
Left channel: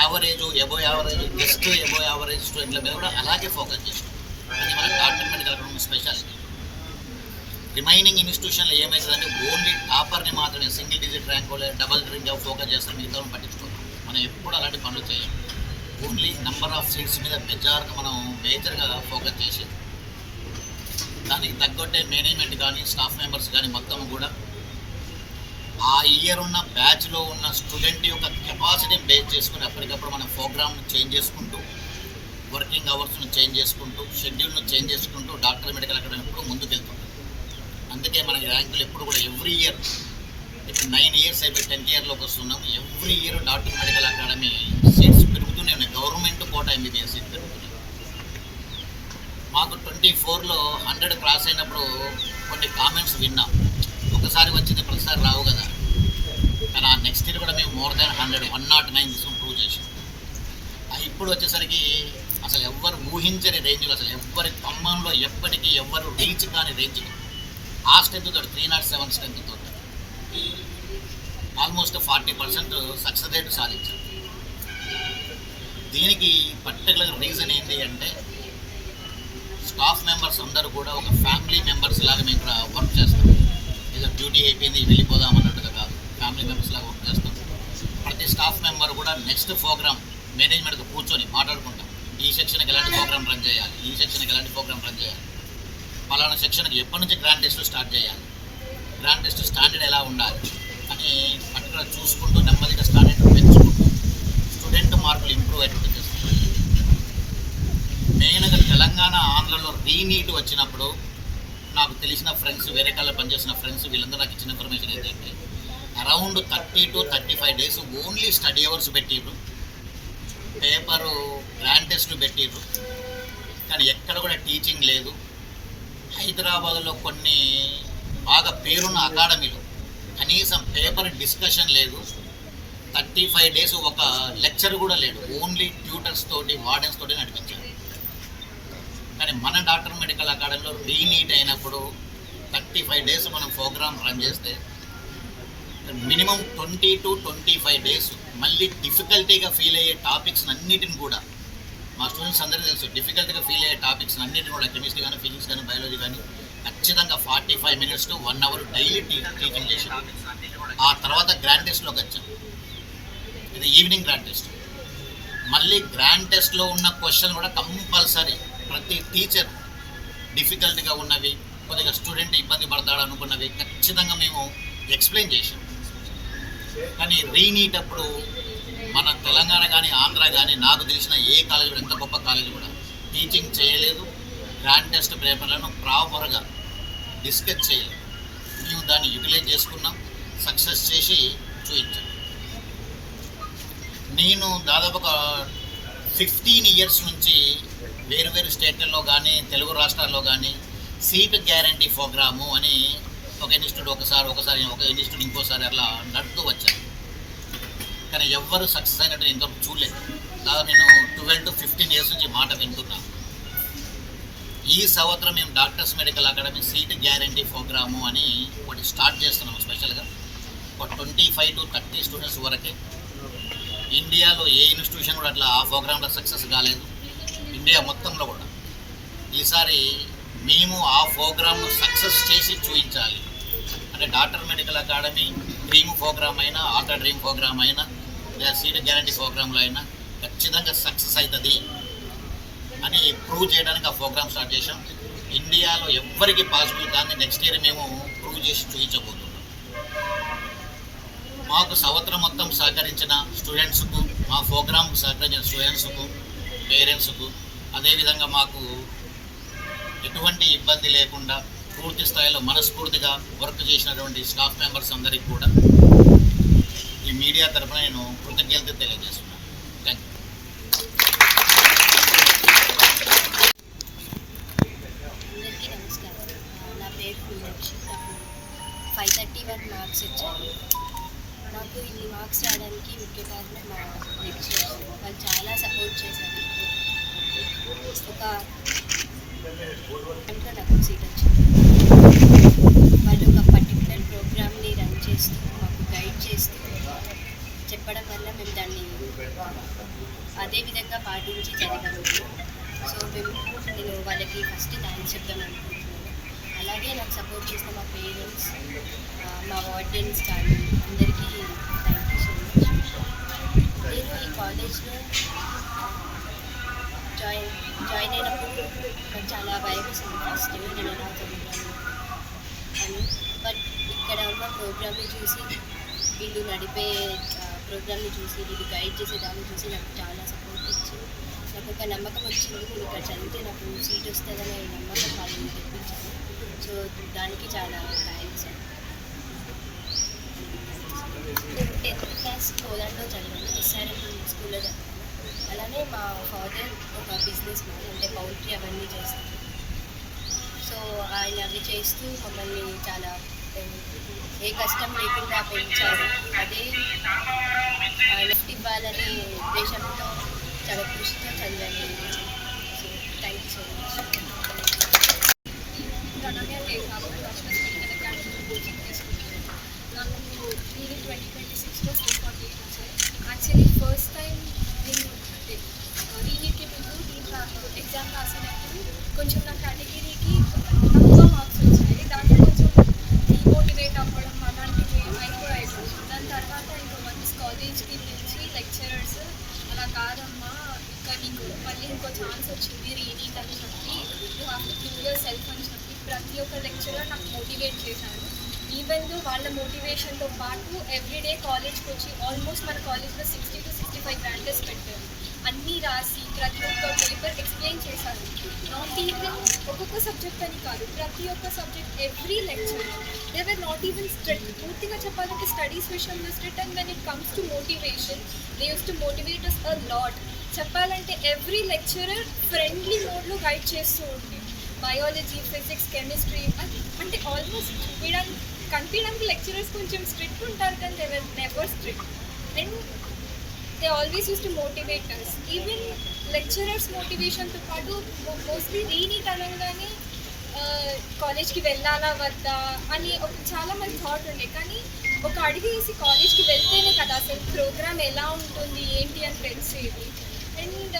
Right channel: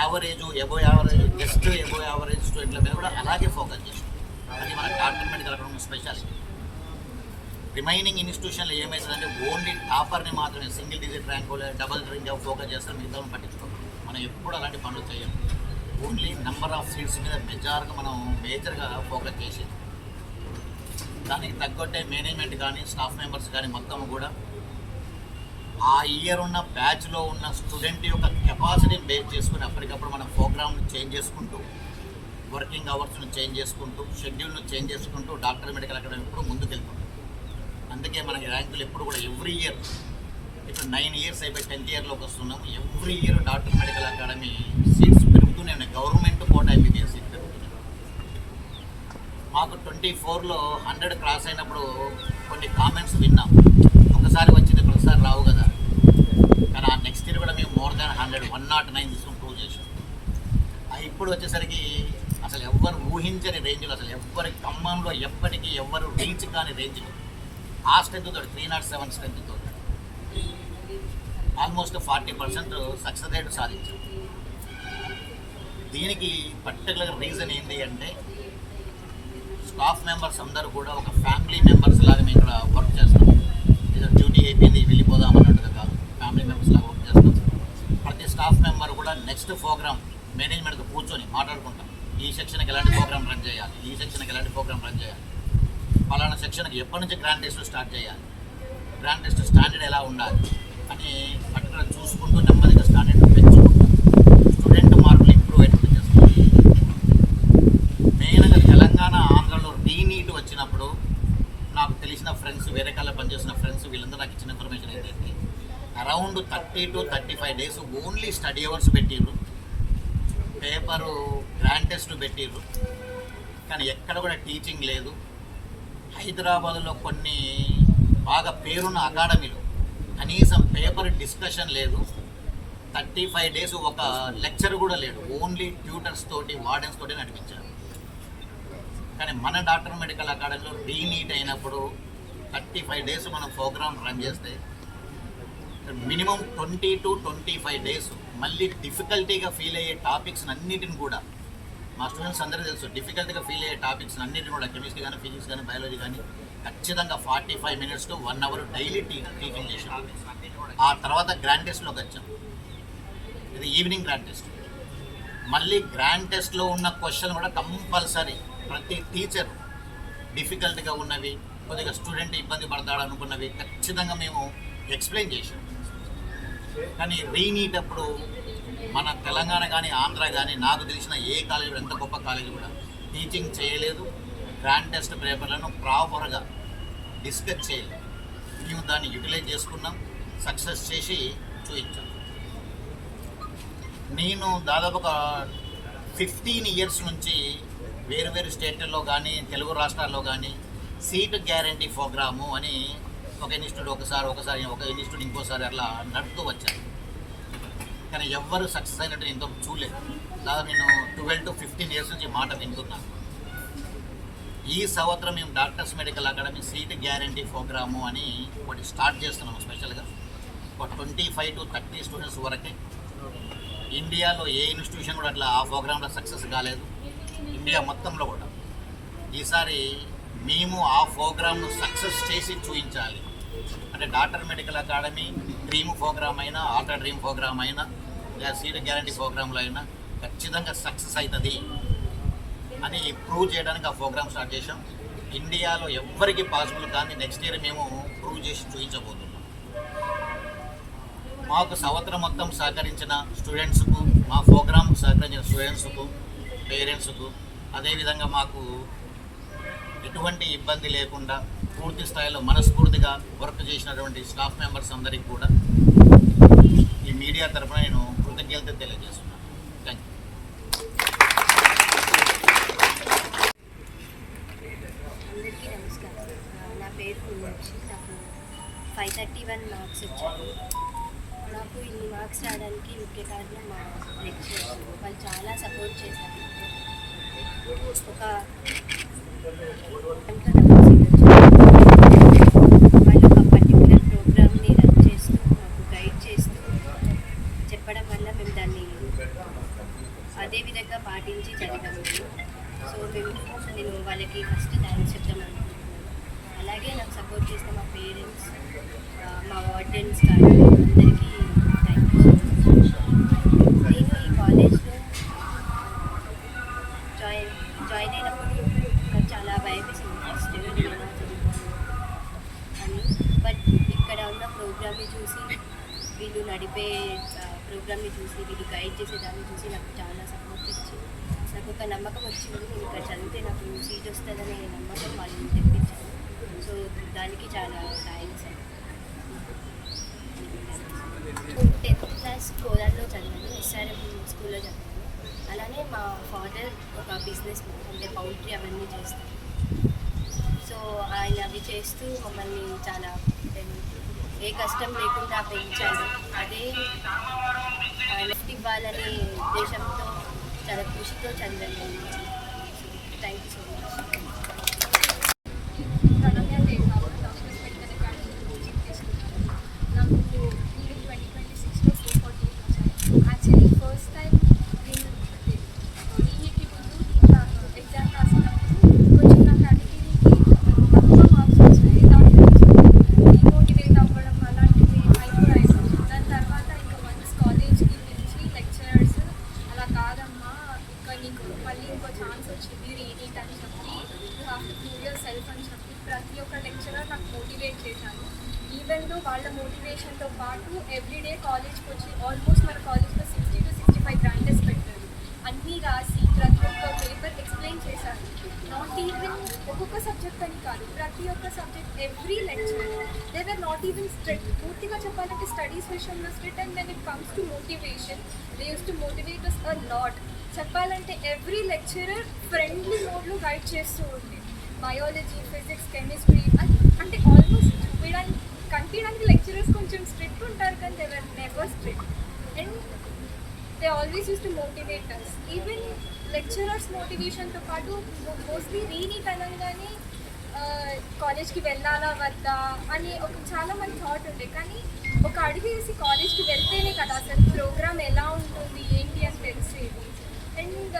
average, above average, just above average స్టూడెంట్ల మీద కూడా అలాగే ఫోకస్ చేసినాం. అది మన doctor medical academy speciality. Remaining ఇన్స్టిట్యూషన్లో ఏమవుతుందంటే ఓన్లీ టాపర్ని మాత్రమే single digit rank double rank focus చేస్తారు, మిగతా పట్టించుకోవాలి. మనం ఎప్పుడు అలాంటి పనులు చేయం. ఓన్లీ నెంబర్ ఆఫ్ సీట్స్ మీద మనం మేజర్గా ఫోకస్ చేసేది. దానికి తగ్గట్టే మేనేజ్మెంట్ కానీ స్టాఫ్ మెంబర్స్ కానీ మొత్తం కూడా ఆ ఇయర్ ఉన్న బ్యాచ్లో ఉన్న స్టూడెంట్ యొక్క కెపాసిటీని బేస్ చేసుకుని అప్పటికప్పుడు మన ప్రోగ్రామ్ను చేంజ్ చేసుకుంటూ, వర్కింగ్ అవర్స్ను చేంజ్ చేసుకుంటూ, షెడ్యూల్ను చేంజ్ చేసుకుంటూ డాక్టర్ మెడికల్ అకాడమీ ఎప్పుడు ముందుకెళ్తుంటాం. అందుకే మనకి ర్యాంకులు ఎప్పుడు కూడా ఎవ్రీ ఇయర్, ఇప్పుడు 9 ఇయర్స్ అయిపోయి 10th ఇయర్లోకి వస్తున్నాం. Every year doctor medical academy seats పెరుగుతూనే ఉన్నాయి. గవర్నమెంట్ కోటా MBBS సీట్ పెరుగుతున్నాయి. మాకు 24లో 100 క్రాస్ అయినప్పుడు కొన్ని కామెంట్స్ విన్నాం. ఒకసారి వచ్చింది ప్రతిసారి రావు కదా, కానీ ఆ నెక్స్ట్ ఇయర్ కూడా మేము మోర్ దాన్ 109 తీసుకుని ప్రూవ్ చేసాం. ఇప్పుడు వచ్చేసరికి అసలు ఎవ్వరు ఊహించని రేంజ్లో, అసలు ఎవ్వరి ఖమ్మంలో ఎప్పటికీ ఎవ్వరు రీచ్ కాని రేంజ్లో ఆ స్ట్రెంత్తో 307 స్ట్రెంత్తో ఆల్మోస్ట్ 40% సక్సెస్ రేట్ సాధించాం. దీనికి పర్టికులర్ రీజన్ ఏంటి అంటే స్టాఫ్ మెంబర్స్ అందరూ కూడా ఒక ఫ్యామిలీ మెంబర్స్ లాగా మేము ఇక్కడ వర్క్ చేస్తాం. ఏదో డ్యూటీ అయిపోయింది వెళ్ళిపోదాం అన్నట్టుగా కాదు, ఫ్యామిలీ మెంబర్స్ లాగా వర్క్ చేస్తాం. ప్రతి స్టాఫ్ మెంబర్ కూడా నెక్స్ట్ ప్రోగ్రామ్ మేనేజ్మెంట్తో కూర్చొని మాట్లాడుకుంటాం. ఈ సెక్షన్కి ఎలాంటి ప్రోగ్రామ్ రన్ చేయాలి, ఈ సెక్షన్కి ఎలాంటి ప్రోగ్రామ్ రన్ చేయాలి, పలానా సెక్షన్కి ఎప్పటి నుంచి గ్రాండ్ టెస్ట్ స్టార్ట్ చేయాలి, గ్రాండ్ టెస్ట్ స్టాండర్డ్ ఎలా ఉండాలి అని పర్టికులర్ చూసుకుంటూ నెమ్మదిగా స్టాండర్డ్ పెంచుకుంటూ స్టూడెంట్ మార్కులు ఇంప్రూవ్ అయ్యేటట్టు చేస్తాం. మెయిన్గా తెలంగాణ ఆంధ్రలో రీనీట్ వచ్చినప్పుడు నాకు తెలిసిన ఫ్రెండ్స్, వేరే కాళ్ళ పనిచేసిన ఫ్రెండ్స్, వీళ్ళందరూ నాకు ఇచ్చిన ఇన్ఫర్మేషన్ ఏంటంటే around 30 to 35 days only study hours పెట్టిర్రు, పేపరు గ్రాండ్ టెస్ట్ పెట్టిర్రు, కానీ ఎక్కడ కూడా టీచింగ్ లేదు. హైదరాబాద్లో కొన్ని బాగా పేరున్న అకాడమీలో కనీసం పేపర్ డిస్కషన్ లేదు. 35 days ఒక లెక్చర్ కూడా లేడు, ఓన్లీ ట్యూటర్స్ తోటి వార్డెన్స్ తోటి నడిపించారు. కానీ మన డాక్టర్ మెడికల్ అకాడమీలో రీనీట్ అయినప్పుడు 35 days మనం ప్రోగ్రామ్ రన్ చేస్తే మినిమం 20 to 25 days మళ్ళీ డిఫికల్టీగా ఫీల్ అయ్యే టాపిక్స్ అన్నిటిని కూడా మా స్టూడెంట్స్ అందరికీ తెలుసు. డిఫికల్ట్గా ఫీల్ అయ్యే టాపిక్స్ అన్నిటిని కూడా కెమిస్ట్రీ కానీ, ఫిజిక్స్ కానీ, బయాలజీ కానీ ఖచ్చితంగా 45 minutes to 1 hour daily teaching చేసాం. ఆ తర్వాత గ్రాండ్ టెస్ట్లోకి వచ్చాం. ఇది ఈవినింగ్ గ్రాండ్ టెస్ట్. మళ్ళీ గ్రాండ్ టెస్ట్లో ఉన్న క్వశ్చన్ కూడా కంపల్సరీ ప్రతి టీచర్ డిఫికల్ట్గా ఉన్నవి, కొద్దిగా స్టూడెంట్ ఇబ్బంది పడతాడు అనుకున్నవి ఖచ్చితంగా మేము ఎక్స్ప్లెయిన్ చేసాం. కానీ రీనీట్ అప్పుడు మన తెలంగాణ కానీ, ఆంధ్ర కానీ, నాకు తెలిసిన ఏ కాలేజ్ కూడా, ఎంత గొప్ప కాలేజ్ కూడా టీచింగ్ చేయలేదు, గ్రాండ్ టెస్ట్ పేపర్లను ప్రాపర్గా డిస్కస్ చేయలేదు. మేము దాన్ని యూటిలైజ్ చేసుకున్నాం, సక్సెస్ చేసి చూపించాం. నేను దాదాపు ఒక 15 years నుంచి వేరు వేరు స్టేట్లలో కానీ, తెలుగు రాష్ట్రాల్లో కానీ సీట్ గ్యారంటీ ప్రోగ్రాము అని ఒక ఇన్స్టిట్యూట్ ఒకసారి ఒక ఇన్స్టిట్యూట్ ఇంకోసారి అట్లా నడుపుతూ వచ్చాను. కానీ ఎవ్వరు సక్సెస్ అయినట్టు ఇంతవరకు చూడలేదు. దాదాపు నేను 12 to 15 years నుంచి మాట వింటున్నాను. ఈ సంవత్సరం మేము Doctors medical Academy seat guarantee programme అని ఒకటి స్టార్ట్ చేస్తున్నాము స్పెషల్గా. ఒక 25 to 30 స్టూడెంట్స్ వరకే. ఇండియాలో ఏ ఇన్స్టిట్యూషన్ కూడా అట్లా ఆ ప్రోగ్రాంలో సక్సెస్ కాలేదు, ఇండియా మొత్తంలో కూడా. ఈసారి మేము ఆ ప్రోగ్రామ్ను సక్సెస్ చేసి చూపించాలి. అంటే Doctor medical Academy dream programme అయినా, ఆల్టర్ డ్రీమ్ ప్రోగ్రామ్ అయినా, లేదా సీట్ గ్యారంటీ ప్రోగ్రాంలో అయినా ఖచ్చితంగా సక్సెస్ అవుతుంది అని ప్రూవ్ చేయడానికి ఆ ప్రోగ్రామ్ స్టార్ట్ చేసాం. ఇండియాలో ఎవ్వరికి పాసిబుల్ కానీ నెక్స్ట్ ఇయర్ మేము ప్రూవ్ చేసి చూపించబోతున్నాం. మాకు సంవత్సరం మొత్తం సహకరించిన స్టూడెంట్స్కు, మా ప్రోగ్రామ్కు సహకరించిన స్టూడెంట్స్కు, పేరెంట్స్కు, అదేవిధంగా మాకు ఎటువంటి ఇబ్బంది లేకుండా పూర్తి స్థాయిలో మనస్ఫూర్తిగా వర్క్ చేసినటువంటి స్టాఫ్ మెంబర్స్ అందరికీ కూడా ఈ మీడియా తరఫున నేను కృతజ్ఞతలు తెలియజేస్తున్నాను. Thank you. అందరికీ నమస్కారం. నా పేరు మీనాక్షి. నాకు 531 మార్క్స్ వచ్చాయి. నాకు ఇన్ని మార్క్స్ రావడానికి ముఖ్య కారణం మా లెక్చరర్స్. వాళ్ళు చాలా సపోర్ట్ చేశారు. ఒక నాకు సీట్ వచ్చింది. వాళ్ళు ఒక పర్టికులర్ ప్రోగ్రామ్ని రన్ చేస్తూ మాకు గైడ్ చేస్తూ చెప్పడం వల్ల మేము దాన్ని అదే విధంగా పాటించి చదివాము. సో నేను వాళ్ళకి ఫస్ట్ థ్యాంక్స్ చెప్దాం అనుకుంటున్నాను. అలాగే నాకు సపోర్ట్ చేసిన మా పేరెంట్స్, మా వార్డెన్స్ కానీ అందరికీ థ్యాంక్ యూ సో మచ్. నేను ఈ కాలేజ్లో జాయిన్ అయినప్పుడు నాకు చాలా భయం వేసింది. ఫస్ట్ నేను ఎలా చదువుతాను అని. బట్ ఇక్కడ ఉన్న ప్రోగ్రామ్ని చూసి, వీళ్ళు నడిపే ప్రోగ్రామ్ని చూసి, వీళ్ళు గైడ్ చేసే దాన్ని చూసి నాకు చాలా సపోర్ట్ ఇచ్చి నాకు ఒక నమ్మకం వచ్చింది. నేను ఇక్కడ చదివితే నాకు సీట్ వస్తుందనే నమ్మకం వాళ్ళు తెప్పించాను. సో దానికి చాలా థ్యాంక్స్. 10th క్లాస్ కోదాడలో చదివాను, SRM స్కూల్లో చదివాను. అలానే మా ఫాదర్ ఒక బిజినెస్ మ్యాన్, అంటే పౌల్ట్రీ అవన్నీ చేస్తారు. సో ఆయన అవి చేస్తూ మమ్మల్ని చాలా ఏ కష్టం లేకుండా పెంచారు. అదే ఆయన ఇవ్వాలనే ఉద్దేశంతో చాలా కృషితో చదివాను. So thank you so much. Ranamya దేవాబు డాక్టర్స్ మెడికల్ అకాడమీ కోచింగ్ తీసుకున్నాను. నాకు నేను 2026లో 448 వచ్చాయి. యాక్చువల్లీ ఫస్ట్ టైం నేను అంటే దీనికి ముందు నేను ఎగ్జామ్ రాసినప్పుడు కొంచెం నా కేటగిరీకి తక్కువ మార్క్స్ వచ్చాయి. దాంట్లో కొంచెం డిమోటివేట్ అవ్వడం అలాంటివి అయిపోయాయి. దాని తర్వాత ఇంకా వన్స్ కాలేజ్కి పిలిచి లెక్చరర్స్ అలా కాదమ్మా ఇంకా నీకు మళ్ళీ ఇంకో ఛాన్స్ వచ్చింది రీనీట్ అని చెప్పి you have to prove your self అని చెప్పి ప్రతి ఒక్క లెక్చరర్ నాకు మోటివేట్ చేశారు. ఈవెన్ దో వాళ్ళ మోటివేషన్తో పాటు ఎవ్రీడే కాలేజ్కి వచ్చి ఆల్మోస్ట్ మన కాలేజ్లో 60 to 65 గ్రాండ్ టెస్ట్ పెట్టారు. అన్నీ రాసి ప్రతి ఒక్క పేపర్ ఎక్స్ప్లెయిన్ చేశారు. నాట్ ఈవెన్ ఒక్కొక్క సబ్జెక్ట్ అని కాదు, ప్రతి ఒక్క subject every lecture they were not even strict. పూర్తిగా చెప్పాలంటే స్టడీస్ విషయంలో strict. And when it comes to motivation they use to motivate us a lot. చెప్పాలంటే ఎవ్రీ లెక్చరర్ ఫ్రెండ్లీ మోడ్లో గైడ్ చేస్తూ ఉంది. బయాలజీ, ఫిజిక్స్, కెమిస్ట్రీ అంటే ఆల్మోస్ట్ కనిపించడానికి lecturers కొంచెం స్ట్రిక్ట్ ఉంటారు కానీ they were never strict. And they always use to motivate us. Even lecturers మోటివేషన్తో పాటు మోస్ట్లీ రీనీట్ అనగానే కాలేజ్కి వెళ్ళాలా వద్దా అని ఒక చాలా మంది థాట్ ఉండే. కానీ ఒక అడుగు వేసి కాలేజ్కి వెళ్తేనే కదా అసలు ప్రోగ్రామ్ ఎలా ఉంటుంది ఏంటి అని తెలిసేది. And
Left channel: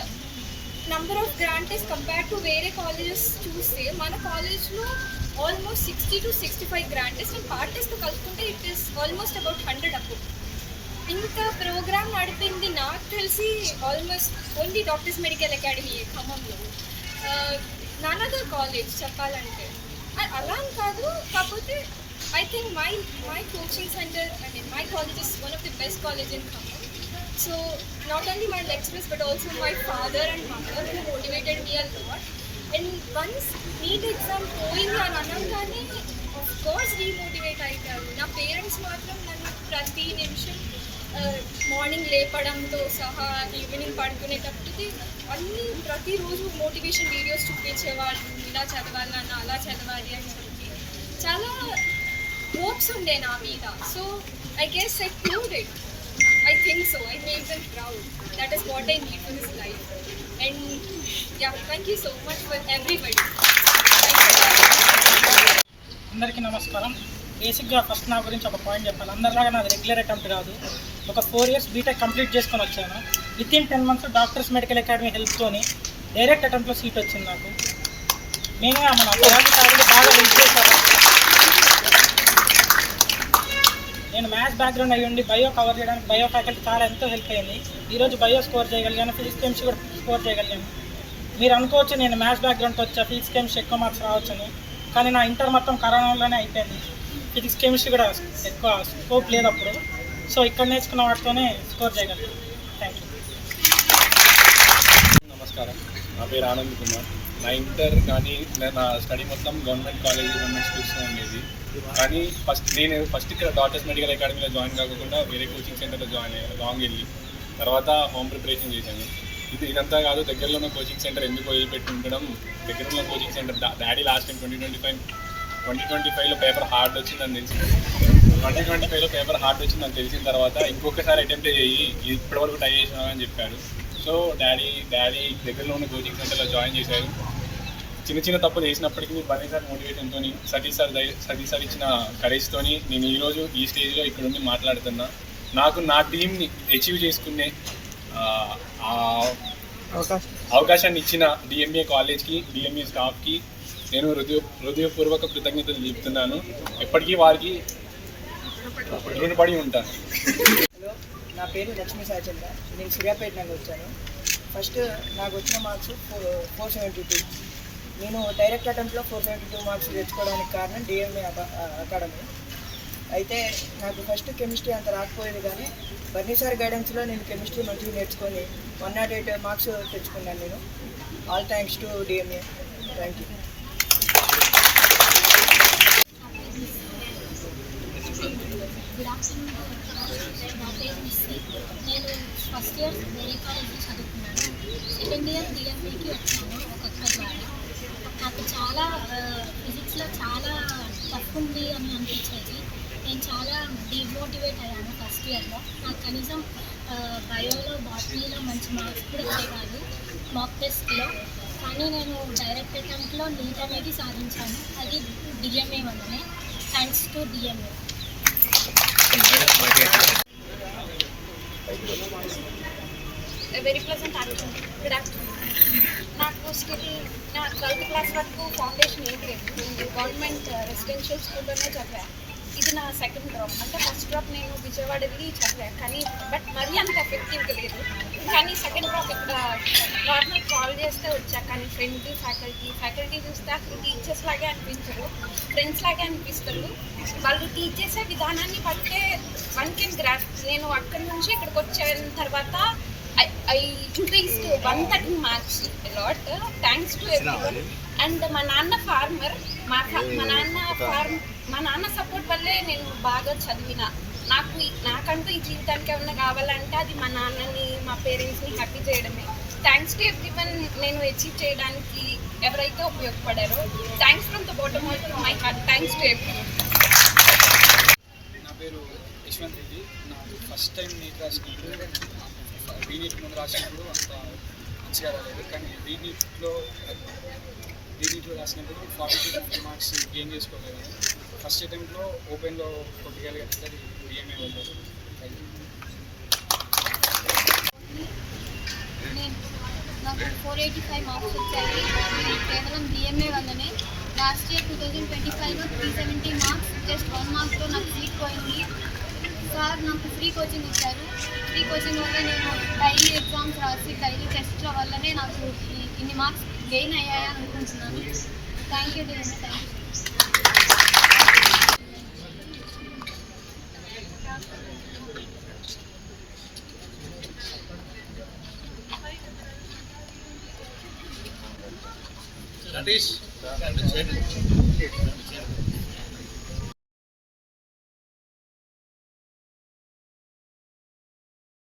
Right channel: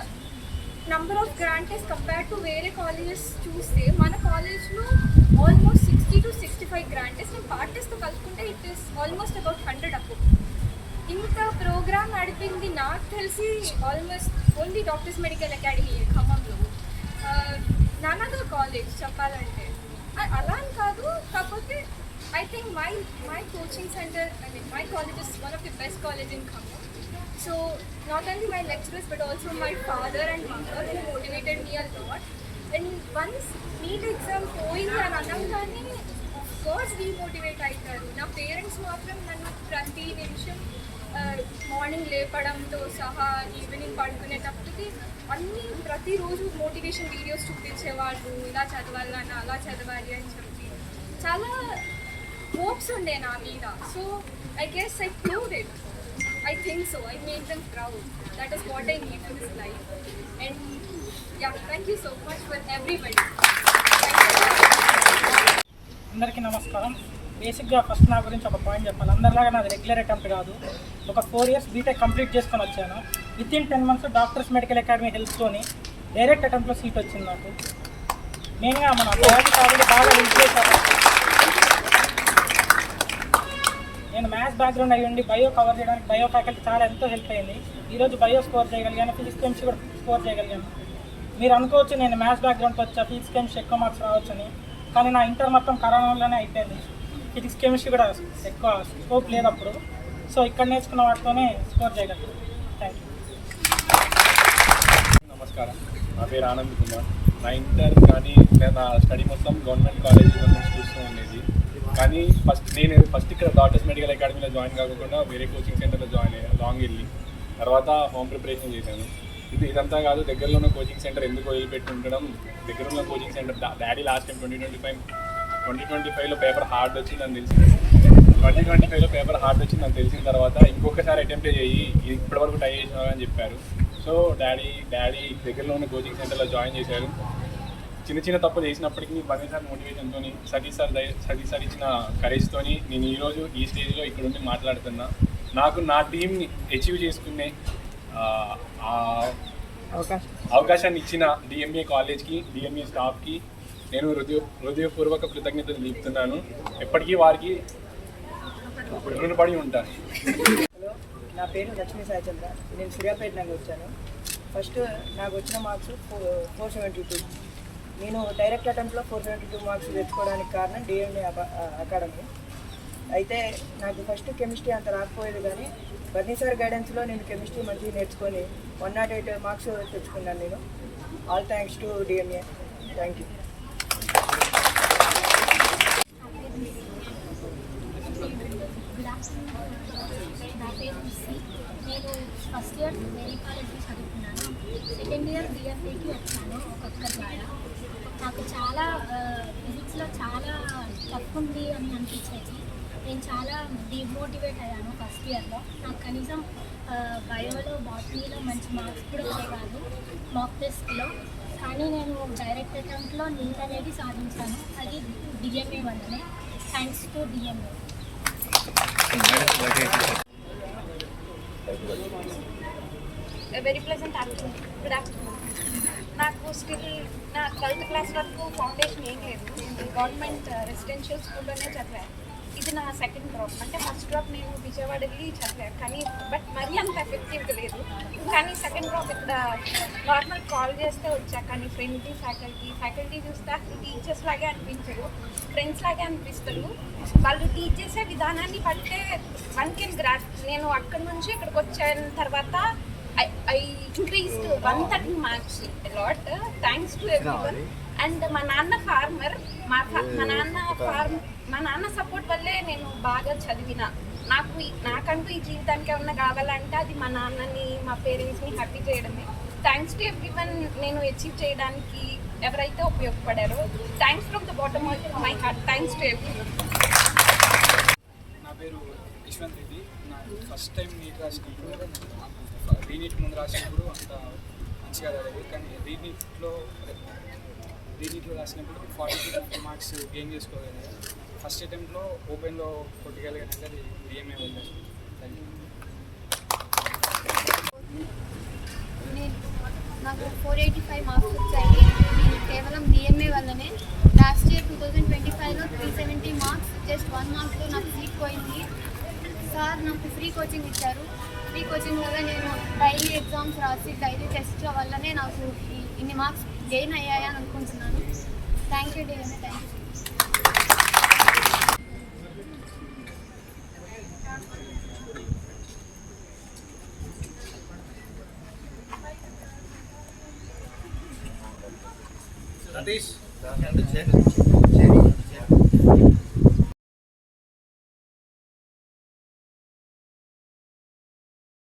number of grand test compare to వేరే కాలేజెస్ చూస్తే మన కాలేజ్లో almost 60 to 65 grand test and part టెస్ట్తో కలుపుకుంటే ఇట్ ఈస్ ఆల్మోస్ట్ అబౌట్ 100 అప్పు. ఇంత ప్రోగ్రామ్ నడిపింది నాకు తెలిసి almost only doctors medical academy ఖమ్మంలో. నన్ అదర్ కాలేజ్ చెప్పాలంటే అలా అని కాదు. కాకపోతే I think my coaching centre అంటే my college is one of the best college in Khammam. So not only my lecturers but also my father and mother who motivated me a lot. And once NEET exam పోయింది అని అనగానే of course demotivate అవుతారు. నా parents మాత్రం నన్ను ప్రతి నిమిషం morning లేపడంతో సహా ఈవినింగ్ పడుకునేటప్పటికి ప్రతిరోజు మోటివేషన్ వీడియోస్ చూపించేవాళ్ళు. ఇలా చదవాలన్న అలా చదవాలి అని చెప్పి చాలా హోప్స్ ఉండే నా మీద. So I guess I proved it. I think so. I made them proud. That is what I need for this life. And yeah, thank you so much for everybody. అందరికీ నమస్కారం. బేసిక్గా ఫస్ట్ నా గురించి ఒక point చెప్పాలి. అందరిలాగా నాది regular attempt కాదు. ఒక 4 years బీటెక్ కంప్లీట్ చేసుకొని వచ్చాను. Within 10 months doctors medical academy హెల్ప్తోని డైరెక్ట్ అటెంప్ట్లో సీట్ వచ్చింది నాకు. మెయిన్గా మన బయాలజీ సార్లు బాగా హెల్ప్ చేశారు. నేను మ్యాథ్స్ బ్యాక్గ్రౌండ్ అయ్యి ఉండి బయో కవర్ చేయడానికి బయో ఫ్యాకల్టీ చాలా ఎంతో హెల్ప్ అయింది. ఈరోజు బయో స్కోర్ చేయగలిగాను, ఫిజిక్స్ కెమిస్ట్రీ కూడా స్కోర్ చేయగలిగాను. మీరు అనుకోవచ్చు నేను మ్యాథ్స్ బ్యాక్గ్రౌండ్తో వచ్చా ఫిజిక్స్ కెమిస్ట్రీ ఎక్కువ మార్క్స్ రావచ్చని, కానీ నా ఇంటర్ మొత్తం కరోనాలోనే అయిపోయింది. ఫిజిక్స్ కెమిస్ట్రీ కూడా ఎక్కువ స్కోప్ లేదు అప్పుడు. సో ఇక్కడ నేర్చుకున్న వాటితోనే స్కోర్ చేయగలిగాను. Thank you. నమస్కారం, నా పేరు ఆనంద్ కుమార్. నా ఇంటర్ కానీ నా స్టడీ మొత్తం గవర్నమెంట్ కాలేజ్, గవర్నమెంట్ స్కూల్స్లో ఉండేది. కానీ నేను ఫస్ట్ ఇక్కడ డాక్టర్స్ మెడికల్ అకాడమీలో జాయిన్ కాకుండా వేరే కోచింగ్ సెంటర్లో జాయిన్ అయ్యాను. లాంగ్ వెళ్ళి తర్వాత హోమ్ ప్రిపరేషన్ చేశాను. ఇదంతా కాదు, దగ్గరలో ఉన్న కోచింగ్ సెంటర్ ఎందుకు వదిలిపెట్టి ఉండడం. దగ్గర ఉన్న coaching centre daddy last time 2025లో పేపర్ హార్డ్ వచ్చిందని తెలిసింది. 2025లో పేపర్ హార్డ్ వచ్చిందని తెలిసిన తర్వాత ఇంకొకసారి అటెంప్ట్ చేయి, ఇప్పటివరకు ట్రై చేసినావు అని చెప్పారు. సో డాడీ దగ్గరలో ఉన్న కోచింగ్ సెంటర్లో జాయిన్ చేశారు. చిన్న తప్పులు చేసినప్పటికీ బన్నీ సార్ మోటివేషన్తో, సతీష్ సార్ ఇచ్చిన కరేజ్తో నేను ఈరోజు ఈ స్టేజ్లో ఇక్కడుండి మాట్లాడుతున్నా. నాకు నా టీంని అచీవ్ చేసుకునే అవకాశాన్ని ఇచ్చిన డిఎంఏ కాలేజ్కి, డిఎంఏ స్టాఫ్కి నేను హృదయపూర్వక కృతజ్ఞతలు తెలుపుతున్నాను. ఎప్పటికీ వారికి రుణపడి ఉంటాను. హలో, నా పేరు లక్ష్మీ సాయిచంద్ర. నేను సూర్యాపేట నుండి వచ్చాను. ఫస్ట్ నాకు వచ్చిన మార్క్స్ 472. నేను డైరెక్ట్ అటెంప్ట్లో 472 మార్క్స్ తెచ్చుకోవడానికి కారణం డిఎంఏ అకాడమీ. అయితే నాకు ఫస్ట్ కెమిస్ట్రీ అంత రాకపోయేది, కానీ బన్నీ సార్ గైడెన్స్లో నేను కెమిస్ట్రీ మంచిగా నేర్చుకొని 108 మార్క్స్ తెచ్చుకున్నాను నేను. All thanks to DMA. Thank you. Good afternoon. నా పేరు మిస్సి. నేను ఫస్ట్ ఇయర్ వేరే కాలేజ్లో చదువుకున్నాను. సెకండ్ ఇయర్ డిఎంఏకి వచ్చాను ఒక్కొక్క ద్వారా. నాకు చాలా ఫిజిక్స్లో చాలా టఫ్ ఉంది అని అనిపించేది. నేను చాలా డిమోటివేట్ అయ్యాను ఫస్ట్ ఇయర్లో. నాకు కనీసం బయోలో బాటనీలో మంచి మార్క్స్ కూడా వచ్చే కాదు మాక్ టెస్ట్లో. కానీ నేను డైరెక్ట్ అటెంప్ట్లో నీట్ అనేది సాధించాను. అది డిఎంఏ వల్లనే, thanks to DMA. Very pleasant afternoon. Good afternoon. నాకు స్టిల్ నా 12th క్లాస్ వరకు ఫౌండేషన్ ఏం లేదు. నేను గవర్నమెంట్ రెసిడెన్షియల్ స్కూల్లోనే చదివాను. ఇది నా సెకండ్ డ్రాప్. అంటే ఫస్ట్ డ్రాప్ నేను విజయవాడ వెళ్ళి చదివాను, కానీ బట్ మరీ అంత ఎఫెక్టివ్గా లేదు. కానీ సెకండ్ డ్రాప్ ఇక్కడ నార్మల్ కాల్ చేస్తే వచ్చా. కానీ ఫ్రెండ్లీ ఫ్యాకల్టీ చూస్తే అసలు టీచర్స్ లాగే అనిపించరు, ఫ్రెండ్స్ లాగే అనిపిస్తారు. వాళ్ళు టీచ్ చేసే విధానాన్ని బట్టే వన్ కెన్ గ్రాఫ్. నేను అక్కడి నుంచి ఇక్కడికి వచ్చిన తర్వాత I increased 113 marks a lot, thanks to everyone. And మా నాన్న ఫార్మర్. మా నాన్న సపోర్ట్ వల్లే నేను బాగా చదివిన. నాకంటూ ఈ జీవితానికి ఏమన్నా కావాలంటే అది మా నాన్నని, మా పేరెంట్స్ని హ్యాపీ చేయడమే. థ్యాంక్స్ టు ఎవ్రీవన్ నేను అచీవ్ చేయడానికి ఎవరైతే ఉపయోగపడారో. Thanks from the bottom of my heart. Thanks to everyone. నా పేరు యశ్వంత్ రెడ్డి. నాకు ఫస్ట్ టైం నీట్ రాసినప్పుడు, రీనీట్ ముందు రాసినప్పుడు అంత మంచిగా రాలేదు. కానీ రీనీట్లో రాసినప్పుడు 40-50 మార్క్స్ గెయిన్ చేసుకోగలిగాను. ఫస్ట్ అటెంప్ట్లో ఓపెన్లో కొట్టగలిగానంటే అది డిఎంఏ వల్లే. నాకు 485 మార్క్స్ వచ్చాయి కేవలం డిఎంఏ వల్లనే. లాస్ట్ ఇయర్ 2025లో 370 మార్క్స్, జస్ట్ 1 మార్క్స్లో నాకు సీట్ పోయింది. సార్ నాకు ఫ్రీ కోచింగ్ ఇచ్చారు. ఫ్రీ కోచింగ్ వల్ల నేను డైలీ ఎగ్జామ్స్ రాసి డైలీ టెస్ట్ల వల్లనే నాకు ఇన్ని మార్క్స్ గెయిన్ అయ్యాయని అనుకుంటున్నాను. Thank you DMA. Thank you. Satish